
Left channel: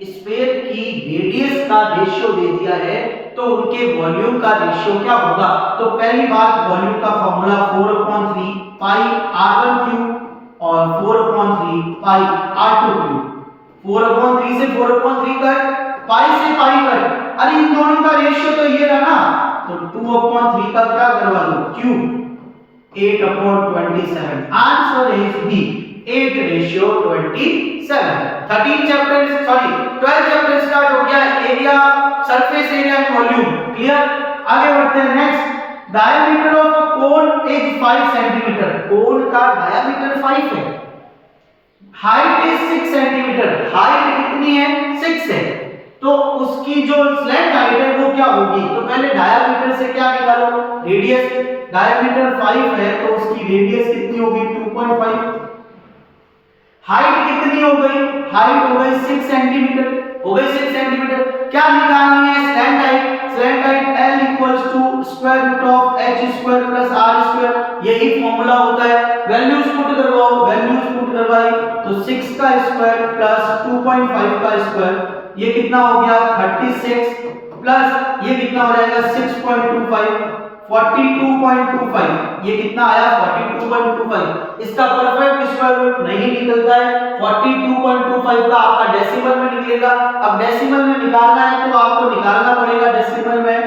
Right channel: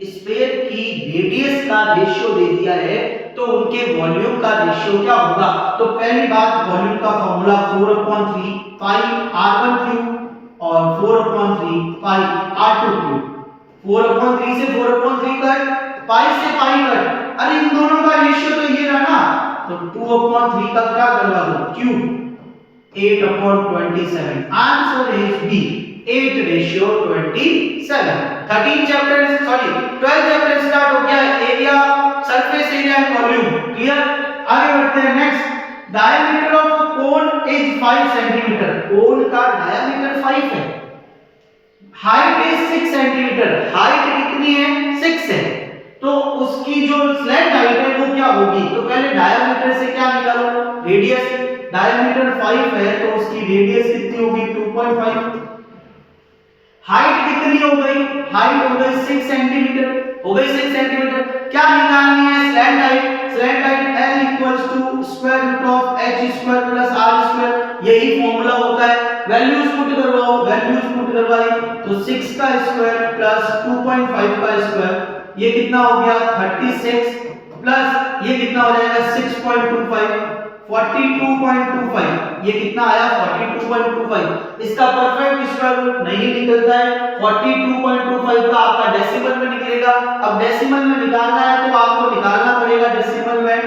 sphere की रेडियस का रेशियो दे दिया है तो उनके वॉल्यूम का रेशियो क्या होगा। तो पहली बात वॉल्यूम का फार्मूला 4/3 पाई r1³ और 4/3 पाई r2³। 4/3 से 4/3 कट, पाई से पाई कट, अरे इन दोनों का रेशियो तो ये रहा ना, तो 2/3 का क्या करवा दो cube, 8/27। Answer is B 8:27। 12 chapter start हो गया, area, surface area and volume clear. आगे बढ़ते हैं next. Diameter of cone is 5 centimetre. Cone का डायमीटर 5 है। Height is 6 centimetre. हाइट कितनी है 6 है, तो उसकी जो स्लैंट हाइट है वो क्या होगी, तो पहले डायमीटर से क्या निकालो रेडियस। डायमीटर 5 है तो उसकी रेडियस कितनी होगी 2.5। हाइट कितनी हो गई, हाइट हो गई 6 सेंटीमीटर, हो गई 6 सेंटीमीटर। क्या निकालनी है slant height, slant height L equals to square root of h square plus r square, यही फॉर्मूला होता है। वैल्यूज पुट करवाओ, वैल्यूज पुट करवाई तो 6 का स्क्वायर प्लस 2.5 का स्क्वायर, ये कितना हो गया 36 प्लस ये कितना हो जाएगा 6.25 42.25, ये कितना आया 42.25। इसका परफेक्ट स्क्वायर रूट नहीं निकलता है, 42.25 का आपका डेसिमल में निकलेगा। अब डेसिमल में निकालना है तो आपको निकालना पड़ेगा डेसिमल में।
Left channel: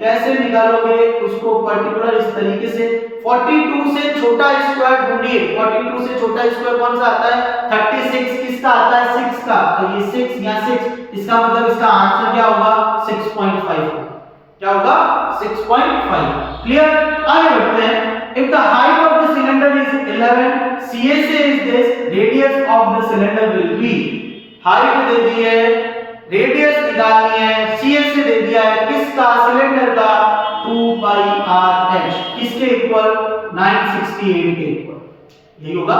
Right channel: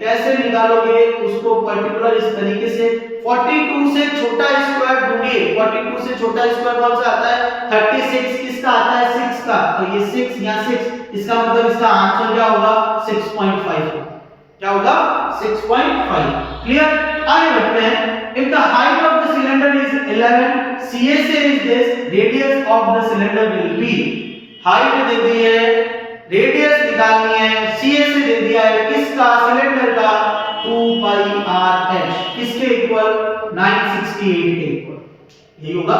कैसे निकालोगे उसको पर्टिकुलर इस तरीके से, 42 से छोटा स्क्वायर ढूंढिए। 42 से छोटा स्क्वायर कौन सा आता है 36, किसका आता है 6 का, तो ये 6 यहाँ 6, इसका मतलब इसका आंसर क्या होगा 6.5, क्या होगा 6.5 क्लियर। आगे बढ़ते हैं। If the height of the cylinder is 11, CSA is this, radius of the cylinder will be, height दे दी है, रेडियस निकालनी है, CSA दे दिया है किसका सिलेंडर का 2πRh, किसके इक्वल 968 के इक्वल, यही होगा।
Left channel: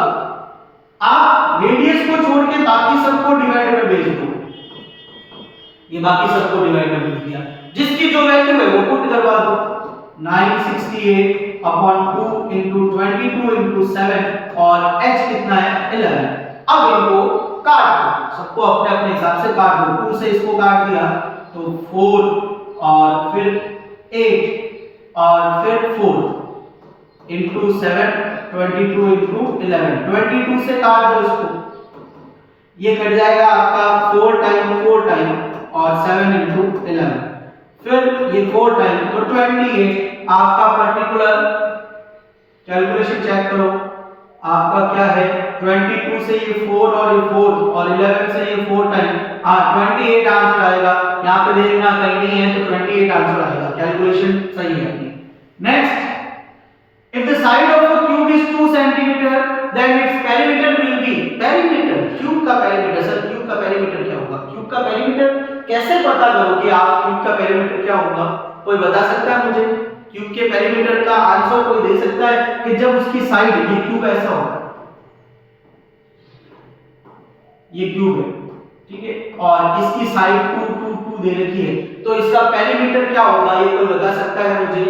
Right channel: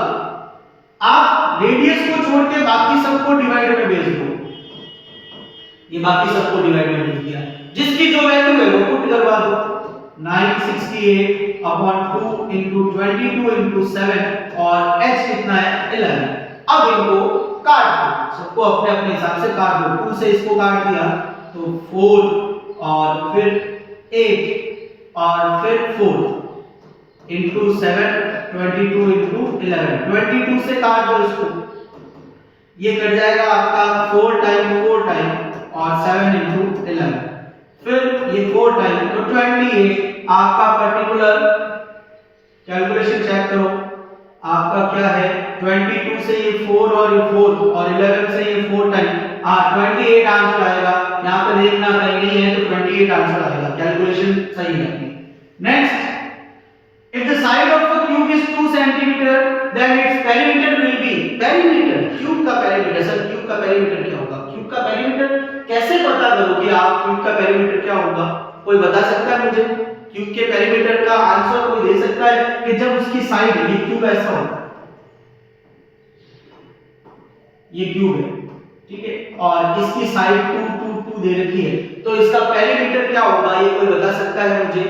आप रेडियस को छोड़ के बाकी सबको डिवाइड में भेज दो, ये बाकी सबको डिवाइड में भेज दिया, जिसकी जो वैल्यू है वो पुट करवा दो 968/2 into 22 into 7 और h कितना है 11। अब इनको काट दो, सबको अपने अपने हिसाब से काट दो। 2 से इसको काट दिया तो 4 और फिर 8 और फिर 4 into 7 22 into 11, 22 से काट दो इसको, ये कट जाएगा आपका 4 टाइम और 7 into 11, फिर ये 4 टाइम तो 28। आपका पर्टिकुलर कैलकुलेशन चेक करो, आपका क्या है 22 से ये 4 और ये 4 और 11 से ये 4 टाइम 28 आंसर आएगा। यहाँ पे देखना कहीं नहीं है तो 28 आंसर आएगा, कैलकुलेशन सही है अपनी। Next, if the side of a cube is 2 centimetre then its perimeter will be, perimeter cube का पेरीमीटर, सर क्यूब का पेरीमीटर क्या होगा, क्यूब का पेरीमीटर कैसे पता करोगे आप, क्यूब का पेरीमीटर क्या होगा, कोई बता सकता है मुझे? क्यूब के पेरीमीटर का आंसर कोई दे सकता है कि जब उसकी साइड, ये क्यूब ऐसा होगा, ये क्यूब है ठीक है, और इसकी साइड 2 2 2 दे रखी है, तो इसका पेरीमीटर क्या होगा, ये कोई बता सकता है मुझे?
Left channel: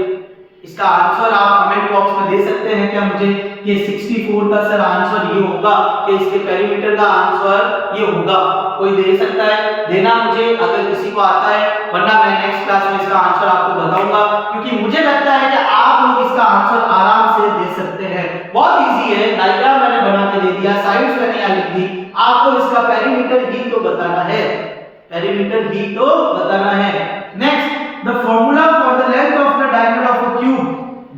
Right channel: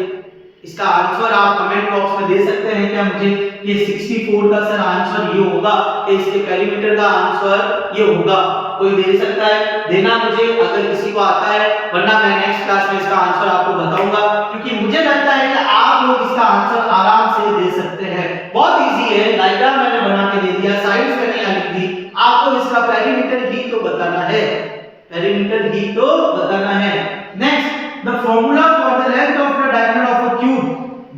इसका आंसर आप कमेंट बॉक्स में दे सकते हैं क्या मुझे कि 64 का सर आंसर ये होगा, कि इसके पेरीमीटर का आंसर ये होगा, कोई दे सकता है? देना मुझे अगर किसी को आता है, वरना मैं नेक्स्ट क्लास में इसका आंसर आपको बताऊंगा, क्योंकि मुझे लगता है कि आप लोग इसका आंसर आराम से दे सकते हैं। बहुत इजी है, डायग्राम मैंने बना के दे दिया, साइड्स मैंने यहाँ लिख दी, आपको इसका पेरीमीटर ही तो बताना है, पेरीमीटर ही तो बताना है। Next, the formula for the length of the diagonal of a cube,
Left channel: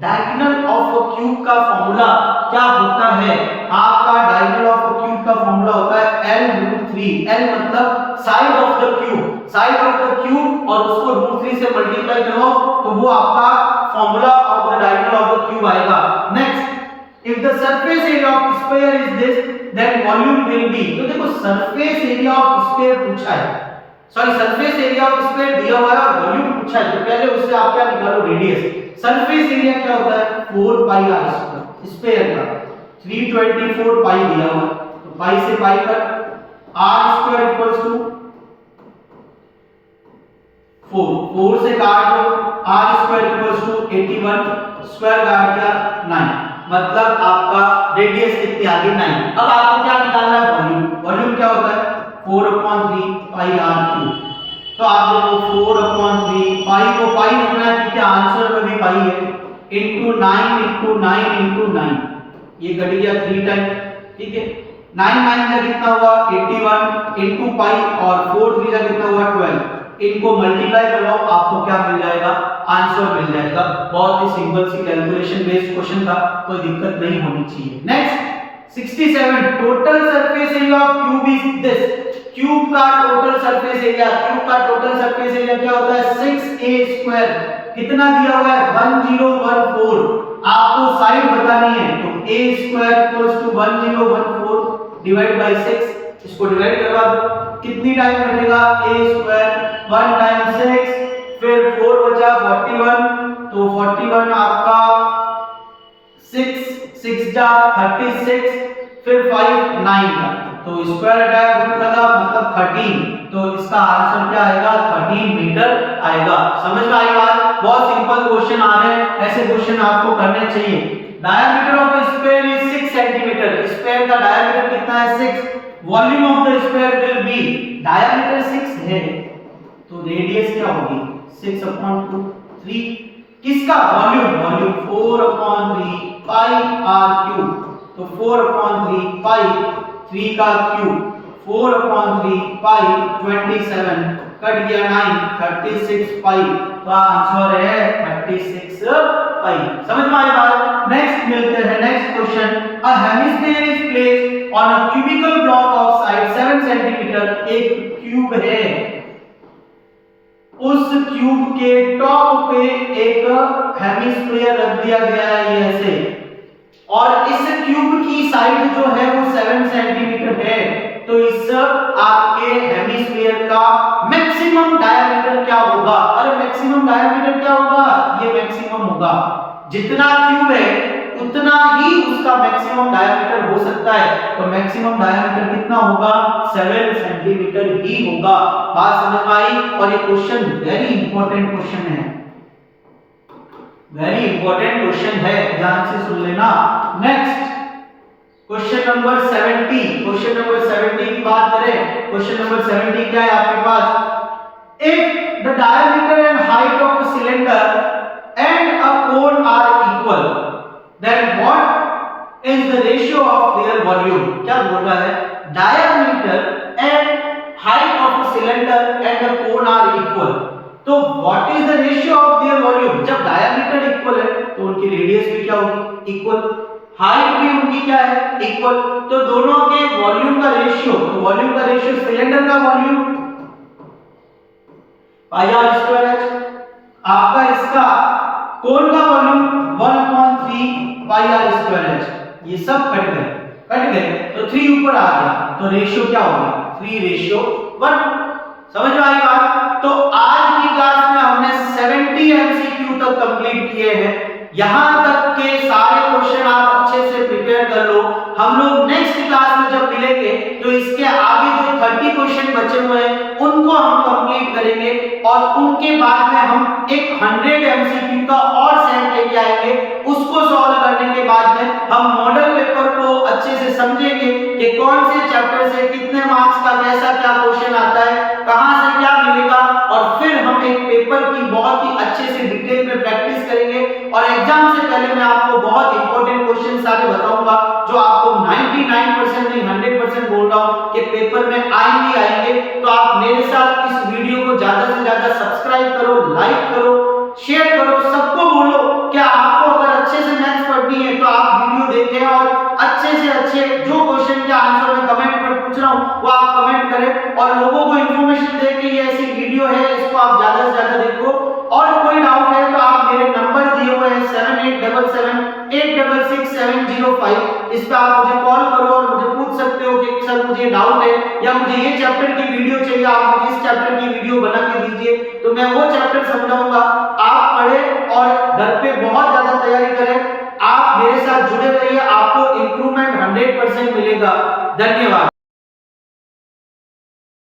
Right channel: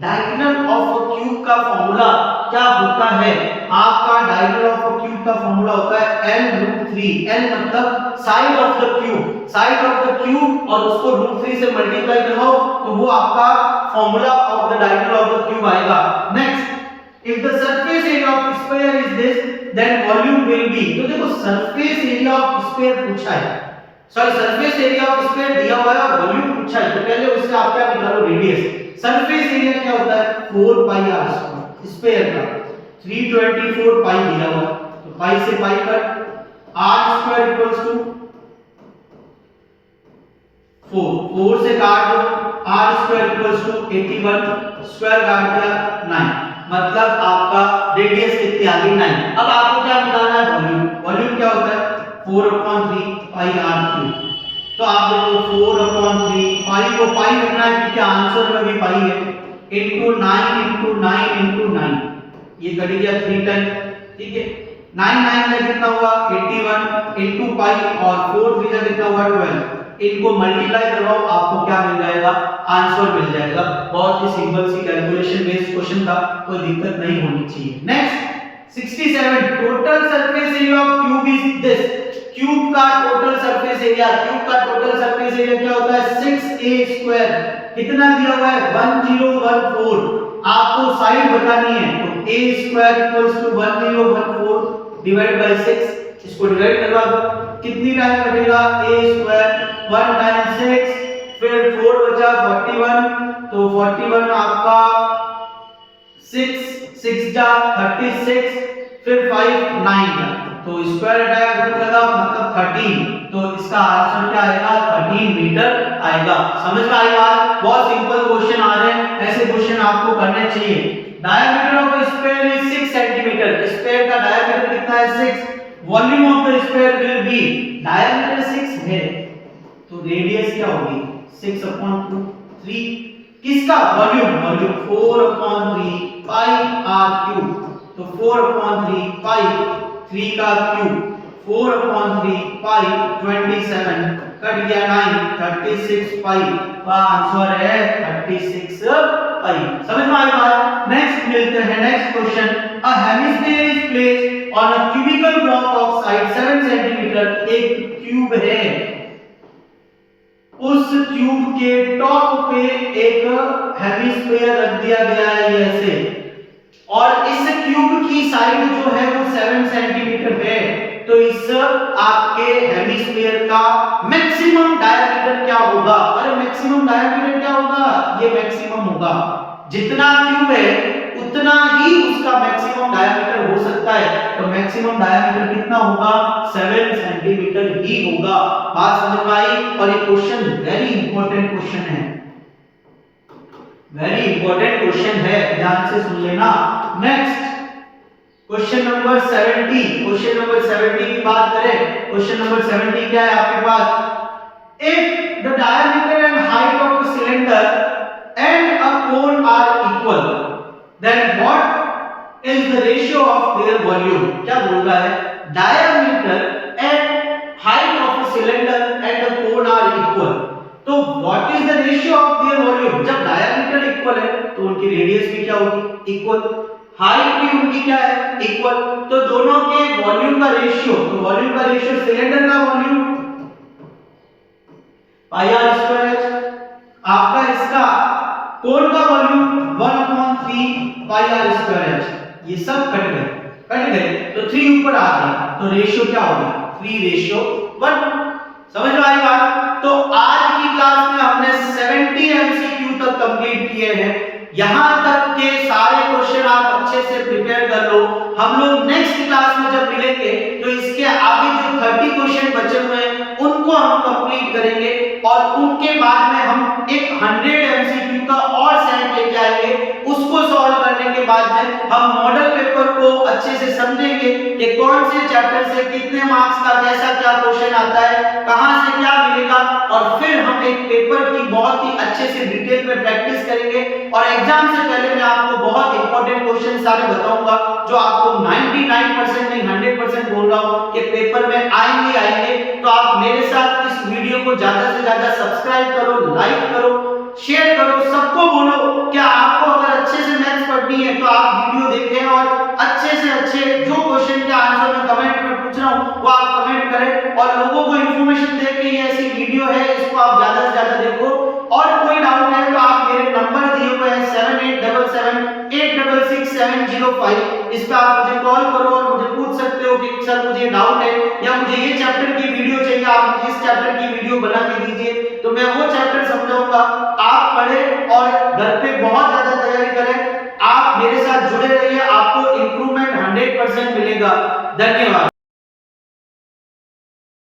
diagonal of a cube का फॉर्मूला क्या होता है? आपका डायगोनल ऑफ अ क्यूब का फॉर्मूला होता है L√3, L मतलब side of the cube, side of the cube, और उसको √3 से मल्टीप्लाई करो तो वो आपका formula of the diagonal of the cube आएगा। Next, if the surface area of square is this then volume will be, तो देखो सरफेस एरिया ऑफ स्क्वायर पूछा है, sorry surface area of square दिया हुआ है और वॉल्यूम पूछा है, तो पहले उससे आप क्या निकालो रेडियस। सरफेस एरिया क्या होता है 4πr स्क्वायर का, 324 पाई दिया हुआ है, तो पाई से pi cut, r square equals to 4 से काट दो, r square equals to 81, square काट दिया 9, मतलब आपका रेडियस कितनी आ गई 9। अब आपको क्या निकालना है वॉल्यूम, वॉल्यूम क्या होता है 4/3πr3, तो आप देखो 4/3 पाई को पाई रखना है क्योंकि आंसर में भी पाई है, into 9 into 9 into 9, ये कट गया 3 टाइम ठीक है, 9 9 का कितना हुआ 81 into पाई और 4 3 का कितना हुआ 12 इनको मल्टीप्लाई करवाओ, आपको क्या मिल जाएगा, आंसर मिल जाएगा। बहुत ही सिंपल सी कैलकुलेशन बेस्ड क्वेश्चन था, कोई दिक्कत नहीं होनी चाहिए। Next 67, total surface area of cube is this. Cube का टोटल सरफेस एरिया, क्यूब का टोटल सरफेस एरिया क्या होता है, 6a²। कितना दिया हुआ है, 1014। आपको साइड बतानी है, तो a² = 1014 डिवाइड बाय 6। इसको डिवाइड करवा दो, कितनी टाइम कटेगा, a² 1 टाइम्स 6, फिर 4 बचा 41, तो 41 आपका 6 जा 36, फिर 5 9 का, तो स्क्वायर हटाया रूट लगा मतलब 13, तो इसका आंसर क्या आएगा, 13 मीटर आएगा। समझ में आई बात? बहुत सिंपल क्वेश्चन आ रहे हैं, ऐसे क्वेश्चन आपको करने चाहिए। Diameter of a sphere is 6 centimetre. Sphere का डायमीटर कितना है, 6। Volume of the sphere will be, diameter 6 है तो रेडियस क्या होगी, 6/2 3। किसका वॉल्यूम, वॉल्यूम 4/3 पाई r³, तो 4/3 पाई 3 का क्यूब, 4/3 पाई 27 कट गया 9 36 पाई, तो आंसर है 36 पाई। समझ में आई बात? नेक्स्ट मिलते हैं next question. A hemisphere is placed on a cubical block of side 7 centimetre. एक क्यूब है, उस क्यूब के टॉप पे एक हेमिस्फीयर रख दिया गया है ऐसे, और इस क्यूब की साइड जो है वो 7 सेंटीमीटर है, तो इस आपके हेमिस्फीयर का मैक्सिमम डायमीटर क्या होगा। अरे मैक्सिमम डायमीटर क्या होगा, ये मैक्सिमम होगा, जितना क्यूब है उतना ही उसका मैक्सिमम डायमीटर हो सकता है, तो मैक्सिमम डायमीटर कितना होगा, 7 सेंटीमीटर ही होगा। बात समझ में आई? और ये क्वेश्चन वेरी इंपॉर्टेंट क्वेश्चन है, वेरी इंपॉर्टेंट क्वेश्चन है, ध्यान से सुन लेना। Next question number 70। Question number 70 की बात करें, क्वेश्चन नंबर 70 क्या है आपके पास, if the diameter and height of a cylinder and a cone are equal, then what is the ratio of their volume. क्या बोल रहा है, diameter and height of a cylinder and a cone are equal, तो what is the ratio of their volume. जब diameter equal है तो उनकी radius भी क्या होगी, इक्वल, हाइट भी उनकी क्या है, इक्वल, तो दोनों के वॉल्यूम का रेशियो, तो वॉल्यूम का रेशियो सिलेंडर का वॉल्यूम पाई आर स्क्वायर है, आपका इसका कोन का वॉल्यूम 1/3 पाई आर स्क्वायर है। ये सब कट गए तो 3 ऊपर आ गया, तो रेशियो क्या होगा, 3:1। समझ में आई बात? तो आज की क्लास में हमने 70 एमसीक्यू तक कंप्लीट किए हैं। यहां तक के सारे क्वेश्चन आप अच्छे से प्रिपेयर कर लो। हम लोग नेक्स्ट क्लास में जब मिलेंगे तो इसके आगे जो 30 क्वेश्चन बचे हुए हैं उनको हम कंप्लीट करेंगे, और उनके बाद में हम एक 100 एमसीक्यू का और सेट लेके आएंगे। उसको सॉल्व करने के बाद में हम मॉडल पेपर को अच्छे से समझेंगे कि कौन से चैप्टर से कितने मार्क्स का कैसा क्या क्वेश्चन आता है, कहां से क्या मिलेगा, और फिर हम एक पेपर की बहुत ही अच्छे से डिटेल में प्रैक्टिस करेंगे। और एग्जाम से पहले मैं आपको बहुत इंपॉर्टेंट क्वेश्चन सारे बताऊंगा जो आपको 99% नहीं 100% बोल रहा हूं कि पेपर में आएंगे। तो आप मेरे साथ इस वीडियो को ज्यादा से ज्यादा सब्सक्राइब करो, लाइक करो, शेयर करो, सबको बोलो। क्या आपको अगर अच्छे से मैथ्स पढ़नी है तो आप वीडियो देखें और अच्छे से अच्छे जो क्वेश्चन के आंसर मैं कमेंट में पूछ रहा हूं वो आप कमेंट करें, और लोगों को इंफॉर्मेशन दे कि ये ऐसी वीडियो है, इसको आप ज्यादा से ज्यादा देखो। और कोई डाउट है तो आप मेरे नंबर दिए हुए हैं 7877866705, इस पे आप मुझे कॉल करो और मुझे पूछ सकते हो कि सर मुझे डाउट है या मुझे ये चैप्टर की वीडियो चाहिए, आप मुझे इस चैप्टर की वीडियो बना के दीजिए, तो मैं वो चैप्टर समझाऊंगा। आप पढ़ें और घर पे बहुत ज्यादा तैयारी करें। आप मेरे साथ जुड़े रहिए, आपको इंप्रूवमेंट 100% मिलेगा। धन्यवाद।